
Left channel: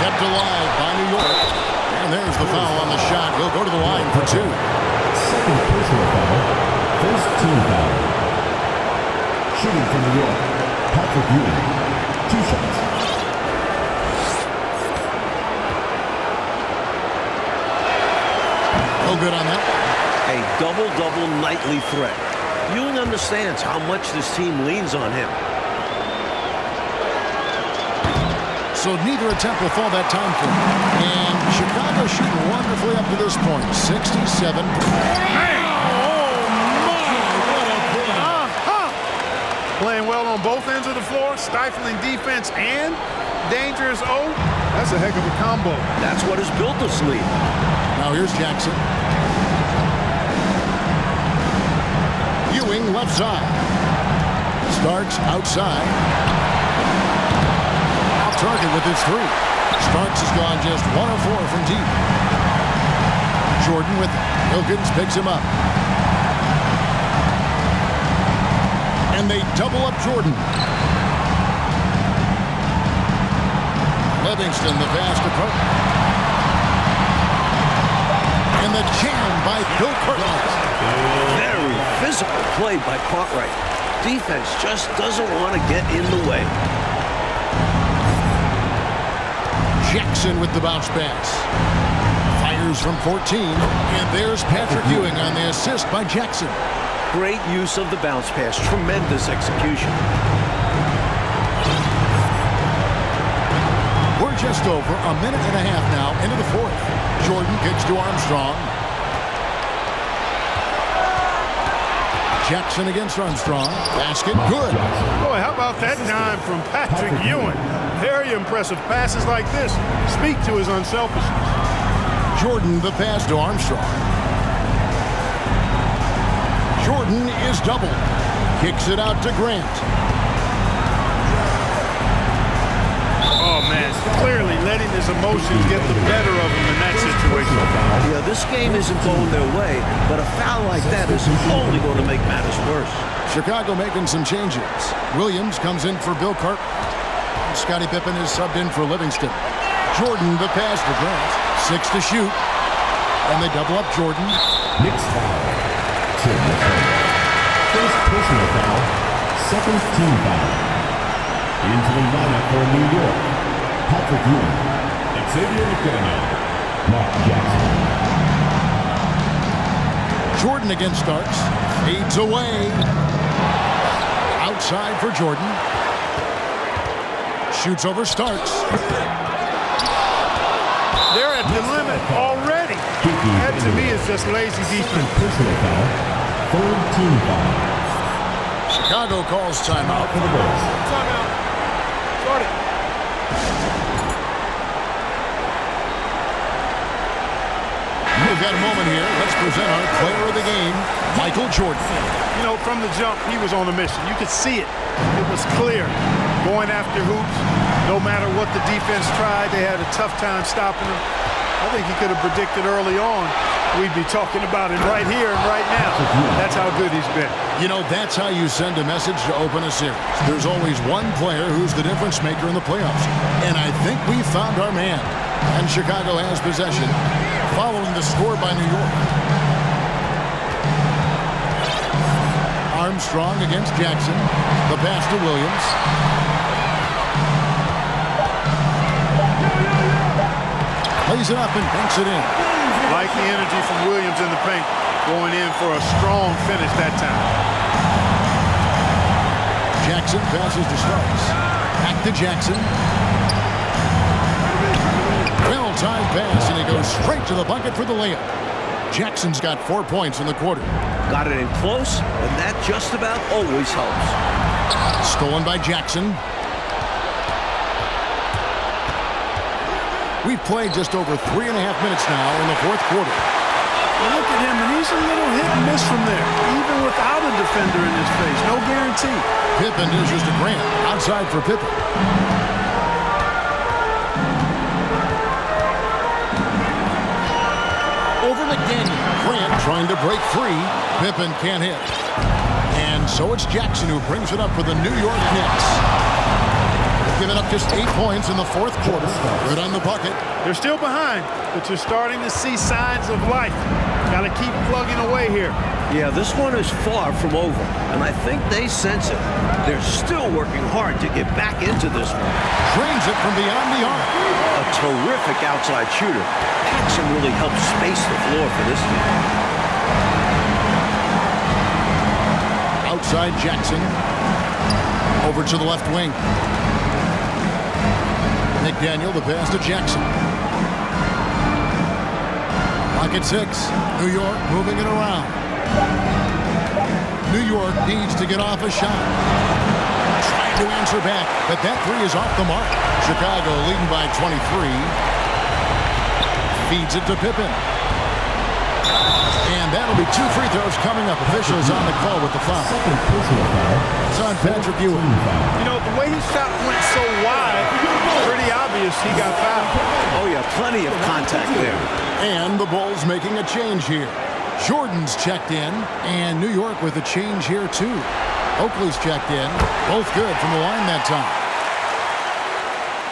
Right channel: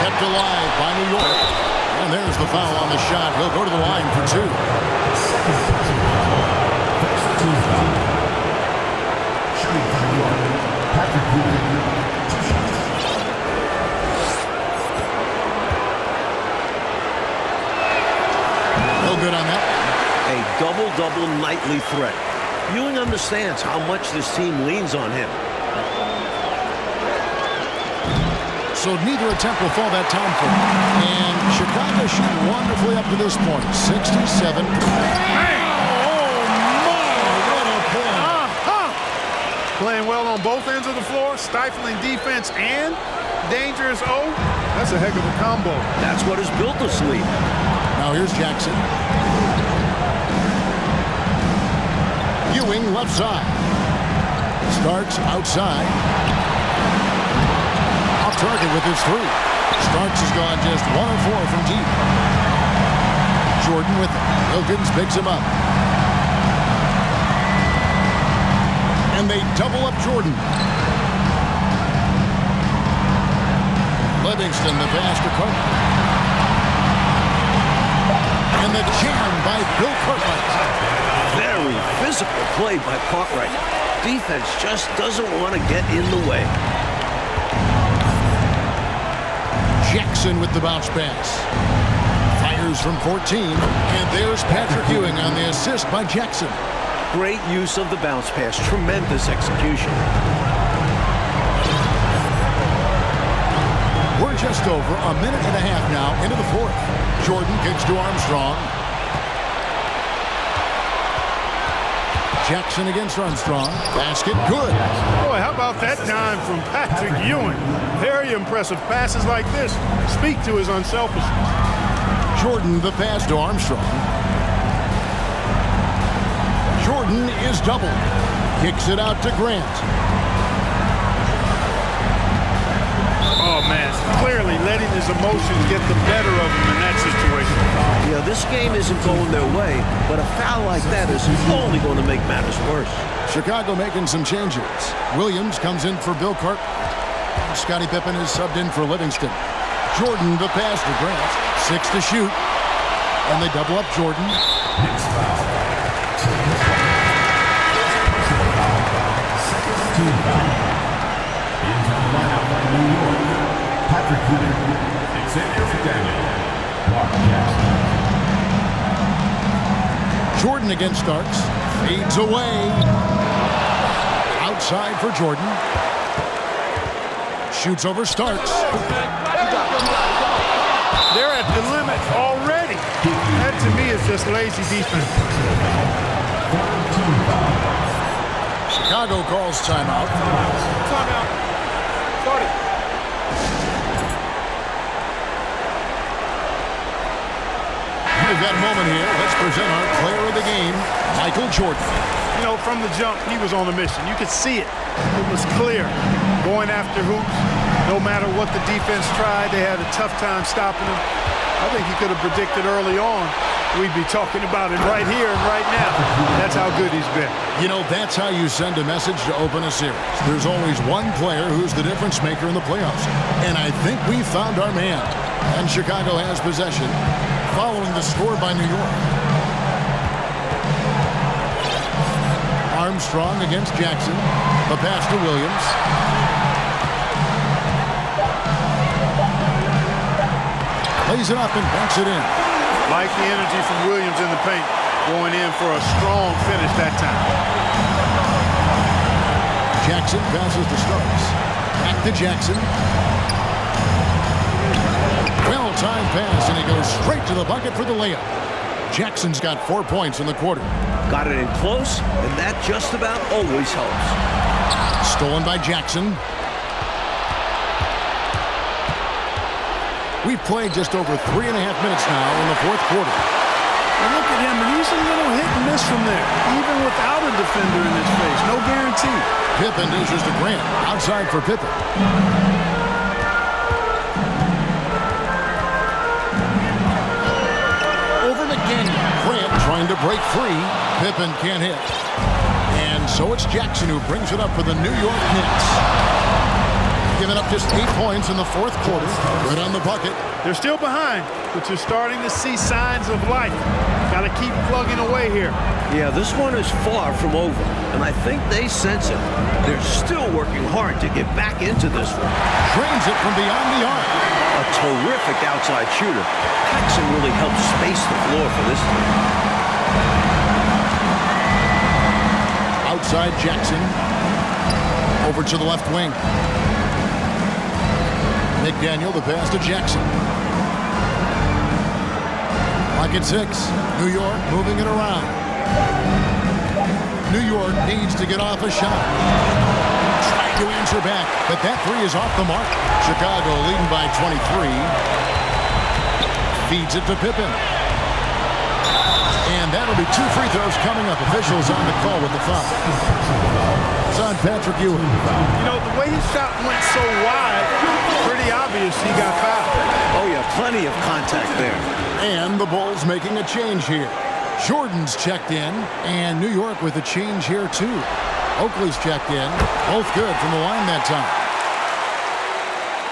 Kept alive by New York. And there's the foul on the shot. He'll go to the line for two. Second personal foul. First team foul. Shooting from New York, Patrick Ewing. 2 shots. No good on that one. A double-double nightly threat. Ewing understands how much this team leans on him. So neither attempt will fall that time for him. And Chicago shooting wonderfully up to this point. 67. Oh, my, what a play. Playing well on both ends of the floor, stifling defense and dangerous O. That's a heck of a combo. That's what has built this lead. Now here's Jackson. Ewing left side. Starks outside. Off target with his three. Starks has gone just 1 of 4 from deep. Jordan with it. Wilkins picks him up. And they double up Jordan. Livingston the pass to Cartwright. And the jam by Bill Cartwright. Very physical play by Cartwright. Defense just doesn't want to get in the way. Jackson with the bounce pass. Fires from 14. And there's Patrick Ewing on the assist by Jackson. Great use of the bounce pass. Tremendous execution. We're just over a minute and a half now into the fourth. Jordan kicks to Armstrong. Jackson against Armstrong. Basket good. Boy, how about that dime from Patrick Ewing? Very impressive passes like this. Speak to his unselfishness. Jordan the pass to Armstrong. Jordan is doubled. Kicks it out to Grant. Oh, man, clearly letting his emotions get the better of him in that situation. Yeah, this game isn't going their way, but a foul like that is only going to make matters worse. Chicago making some changes. Williams comes in for Bill Cartwright. Scottie Pippen is subbed in for Livingston. Jordan the pass to Grant. 6 to shoot. And they double up Jordan. Knicks foul. First personal foul. Second team foul. Into the lineup for New York, Patrick Ewing, Xavier McDaniels, Mark Jackson. Jordan against Starks. Fades away. Outside for Jordan. Shoots over Starks. They're at the limit already. Kiki. That to me is just lazy defense. Personal foul. Third team foul. Chicago calls timeout. Timeout. Start it. We've got a moment here. Let's present our player of the game, Michael Jordan. You know, from the jump, he was on a mission. You could see it. It was clear. Going after hoops, No matter what the defense tried, they had a tough time stopping him. I think he could have predicted early on we'd be talking about it right here and right now. That's how good he's been. You know, that's how you send a message to open a series. There's always one player who's the difference maker in the playoffs. And I think we found our man. And Chicago has possession following the score by New York. Armstrong against Jackson. The pass to Williams. Plays it up and banks it in. Like the energy from Williams in the paint, going in for a strong finish that time. Jackson passes to Starks. Back to Jackson. Well-timed pass, and he goes straight to the bucket for the layup. Jackson's got 4 points in the quarter. Got it in close, and that just about always helps. Stolen by Jackson. We've played just over 3.5 minutes now in the fourth quarter. Well, look at him, and he's a little hit and miss from there, even without a defender in his face. No guarantee. Pippen dishes to Grant. Outside for Pippen. Over McDaniels. Grant trying to break free. Pippen can't hit. And so it's Jackson who brings it up for the New York Knicks. Giving up just 8 points in the fourth quarter. Good on the bucket. They're still behind, but you're starting to see signs of life. Got to keep plugging away here. Yeah, this one is far from over, and I think they sense it. They're still working hard to get back into this one. Drains it from beyond the arc. A terrific outside shooter. Paxson really helps space the floor for this team. Outside Jackson. Over to the left wing. McDaniel, the pass to Jackson. Clock at 6. New York moving it around. New York needs to get off a shot. Trying to answer back, but that three is off the mark. Chicago leading by 23. Feeds it to Pippen. And that'll be 2 free throws coming up. Officials on the call with the foul. It's on Patrick Ewing. You know, the way his shot went so wide, pretty obvious he got fouled. Oh, yeah, plenty of contact there. And the Bulls making a change here. Jordan's checked in, and New York with a change here, too. Oakley's checked in. Both good from the line that time.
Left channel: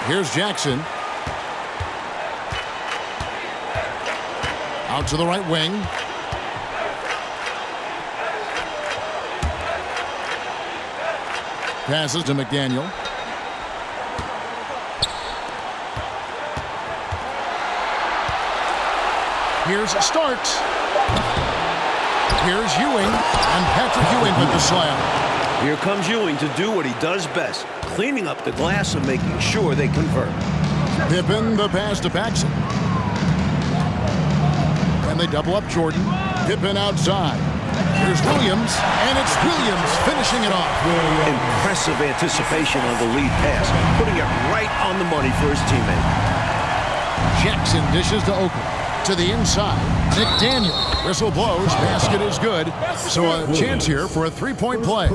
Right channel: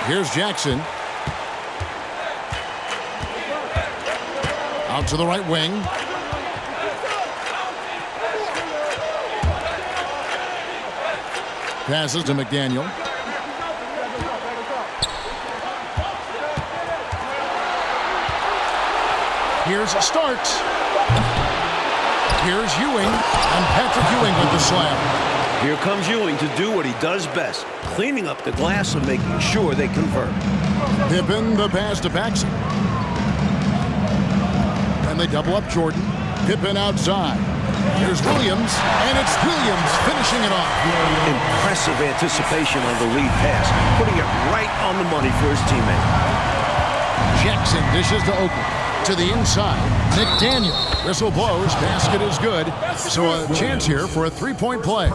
Here's Jackson. Out to the right wing. Passes to McDaniel. Here's Starks. Here's Ewing, and Patrick Ewing with the slam. Here comes Ewing to do what he does best, cleaning up the glass and making sure they convert. Pippen, the pass to Paxson. And they double up Jordan. Pippen outside. Here's Williams, and it's Williams finishing it off. Impressive anticipation on the lead pass, putting it right on the money for his teammate. Jackson dishes to Oakley. To the inside, McDaniel. Whistle blows, basket is good. So a chance here for a three-point play.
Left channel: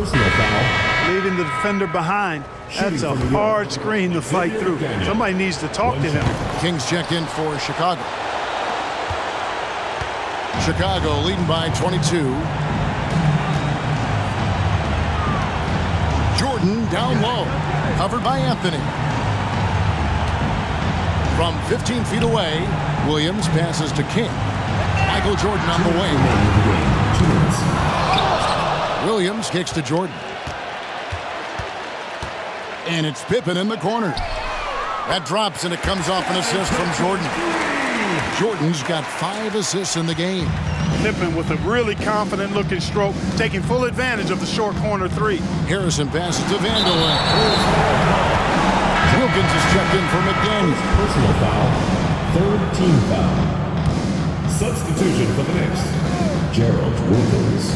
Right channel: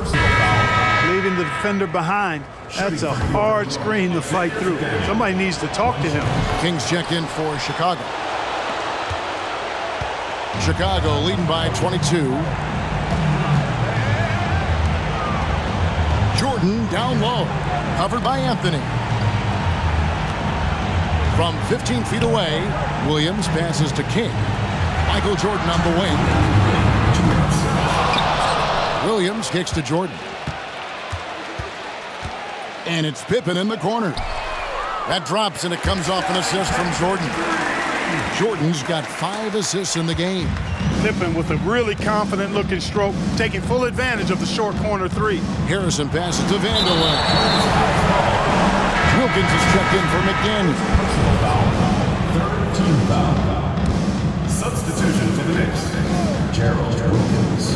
Leaving the defender behind. That's a hard screen to fight through. Somebody needs to talk to him. Kings check in for Chicago. Chicago leading by 22. Jordan down low. Covered by Anthony. From 15 feet away, Williams passes to King. Michael Jordan on the wing. Williams kicks to Jordan. And it's Pippen in the corner. That drops, and it comes off an assist from Jordan. Jordan's got 5 assists in the game. Pippen with a really confident-looking stroke, taking full advantage of the short corner three. Harrison passes to Vandeweghe. Wilkins is checked in for McDaniels. Personal foul. Third team foul. Substitution for the Knicks. Gerald Wilkins.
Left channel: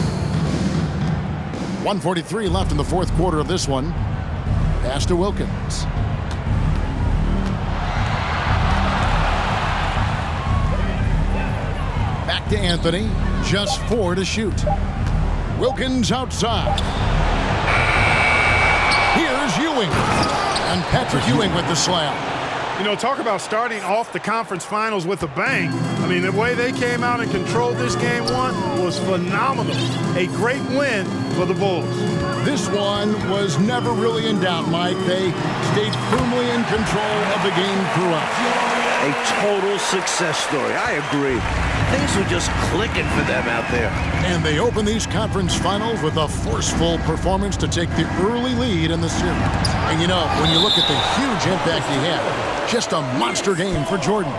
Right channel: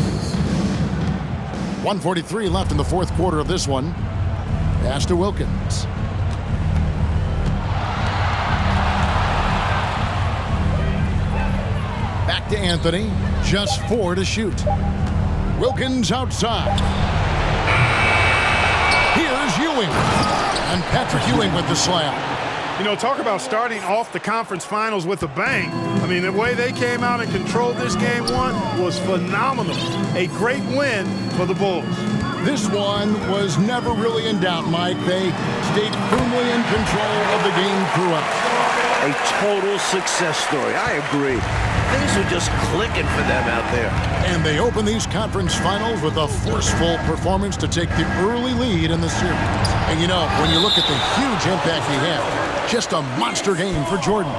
1:43 left in the fourth quarter of this one. Pass to Wilkins. Back to Anthony. Just 4 to shoot. Wilkins outside. Here's Ewing. And Patrick Ewing with the slam. You know, talk about starting off the conference finals with a bang. I mean, the way they came out and controlled this game one was phenomenal. A great win for the Bulls. This one was never really in doubt, Mike. They stayed firmly in control of the game throughout. A total success story. I agree. Things were just clicking for them out there. And they open these conference finals with a forceful performance to take the early lead in the series. And you know, when you look at the huge impact he had, just a monster game for Jordan.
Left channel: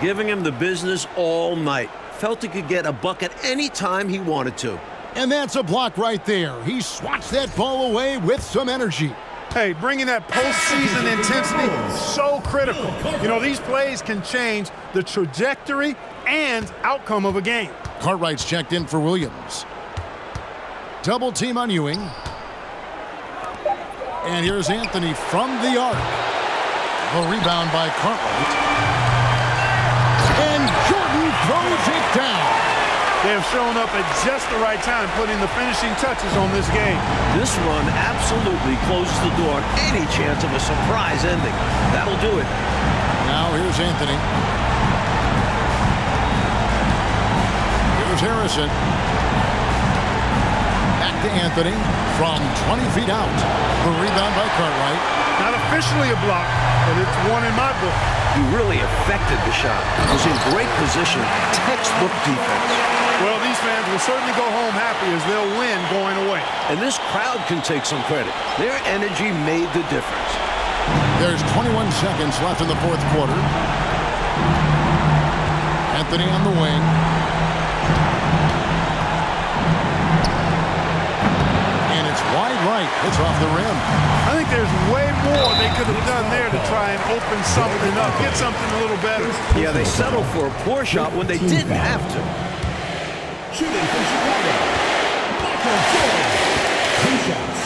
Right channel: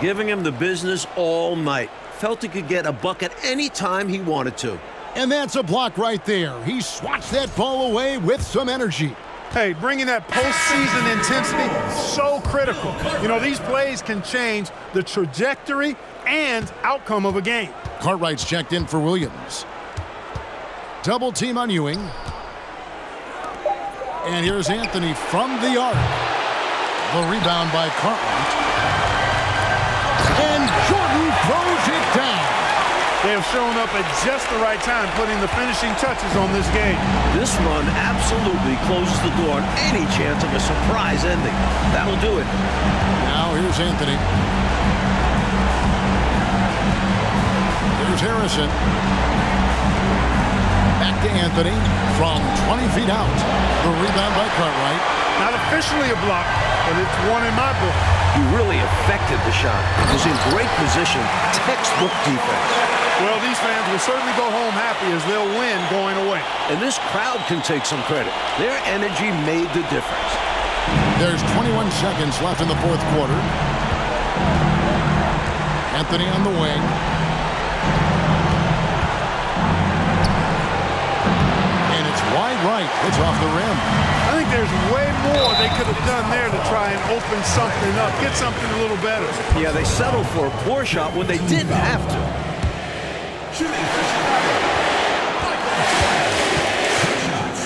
Giving him the business all night. Felt he could get a bucket any time he wanted to. And that's a block right there. He swats that ball away with some energy. Hey, bringing that postseason intensity, so critical. You know, these plays can change the trajectory and outcome of a game. Cartwright's checked in for Williams. Double team on Ewing. And here's Anthony from the arc. The rebound by Cartwright. And Jordan throws it down. They have shown up at just the right time, putting the finishing touches on this game. This run absolutely closes the door on any chance of a surprise ending. That'll do it. Now here's Anthony. Here's Harrison. Back to Anthony from 20 feet out. The rebound by Cartwright. Not officially a block, but it's one in my book. He really affected the shot. Was in great position. Textbook defense. Well, these fans will certainly go home happy as they'll win going away. And this crowd can take some credit. Their energy made the difference. There's 21 seconds left in the fourth quarter. Anthony on the wing. And it's wide right. It's off the rim. I think there's way more they could have done there to try and open something up, get something a little better. Yeah, they settled for a poor shot when they didn't have to. Shooting for Chicago, Michael Jordan. 2 shots.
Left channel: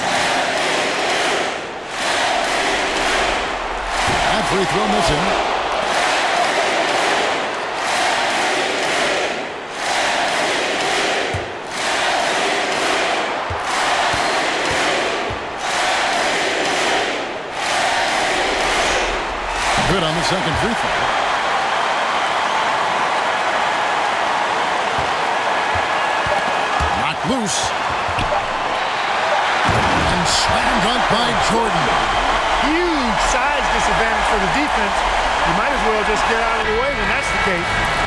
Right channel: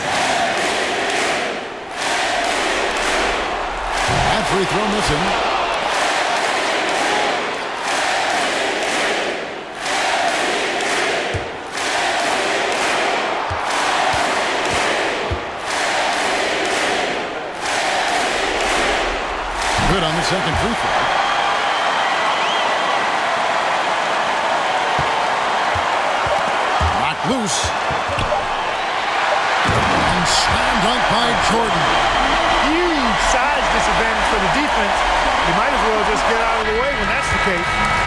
That free throw missing. Good on the second free throw. Knocked loose. And slam dunk by Jordan. Huge size disadvantage for the defense. You might as well just get out of the way when that's the case.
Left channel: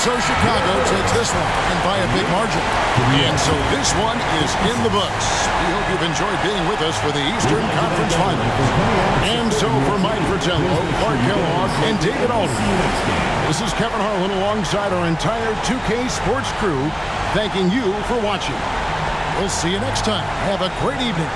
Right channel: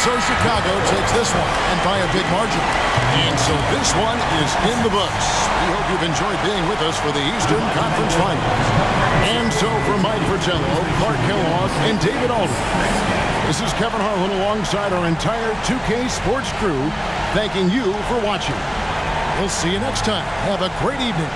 so Chicago takes this one, and by a big margin. And so this one is in the books. We hope you've enjoyed being with us for the Eastern Conference Finals. And so for Mike Fratello, Clark Kellogg, and David Aldridge, this is Kevin Harlan alongside our entire 2K Sports crew, thanking you for watching. We'll see you next time. Have a great evening.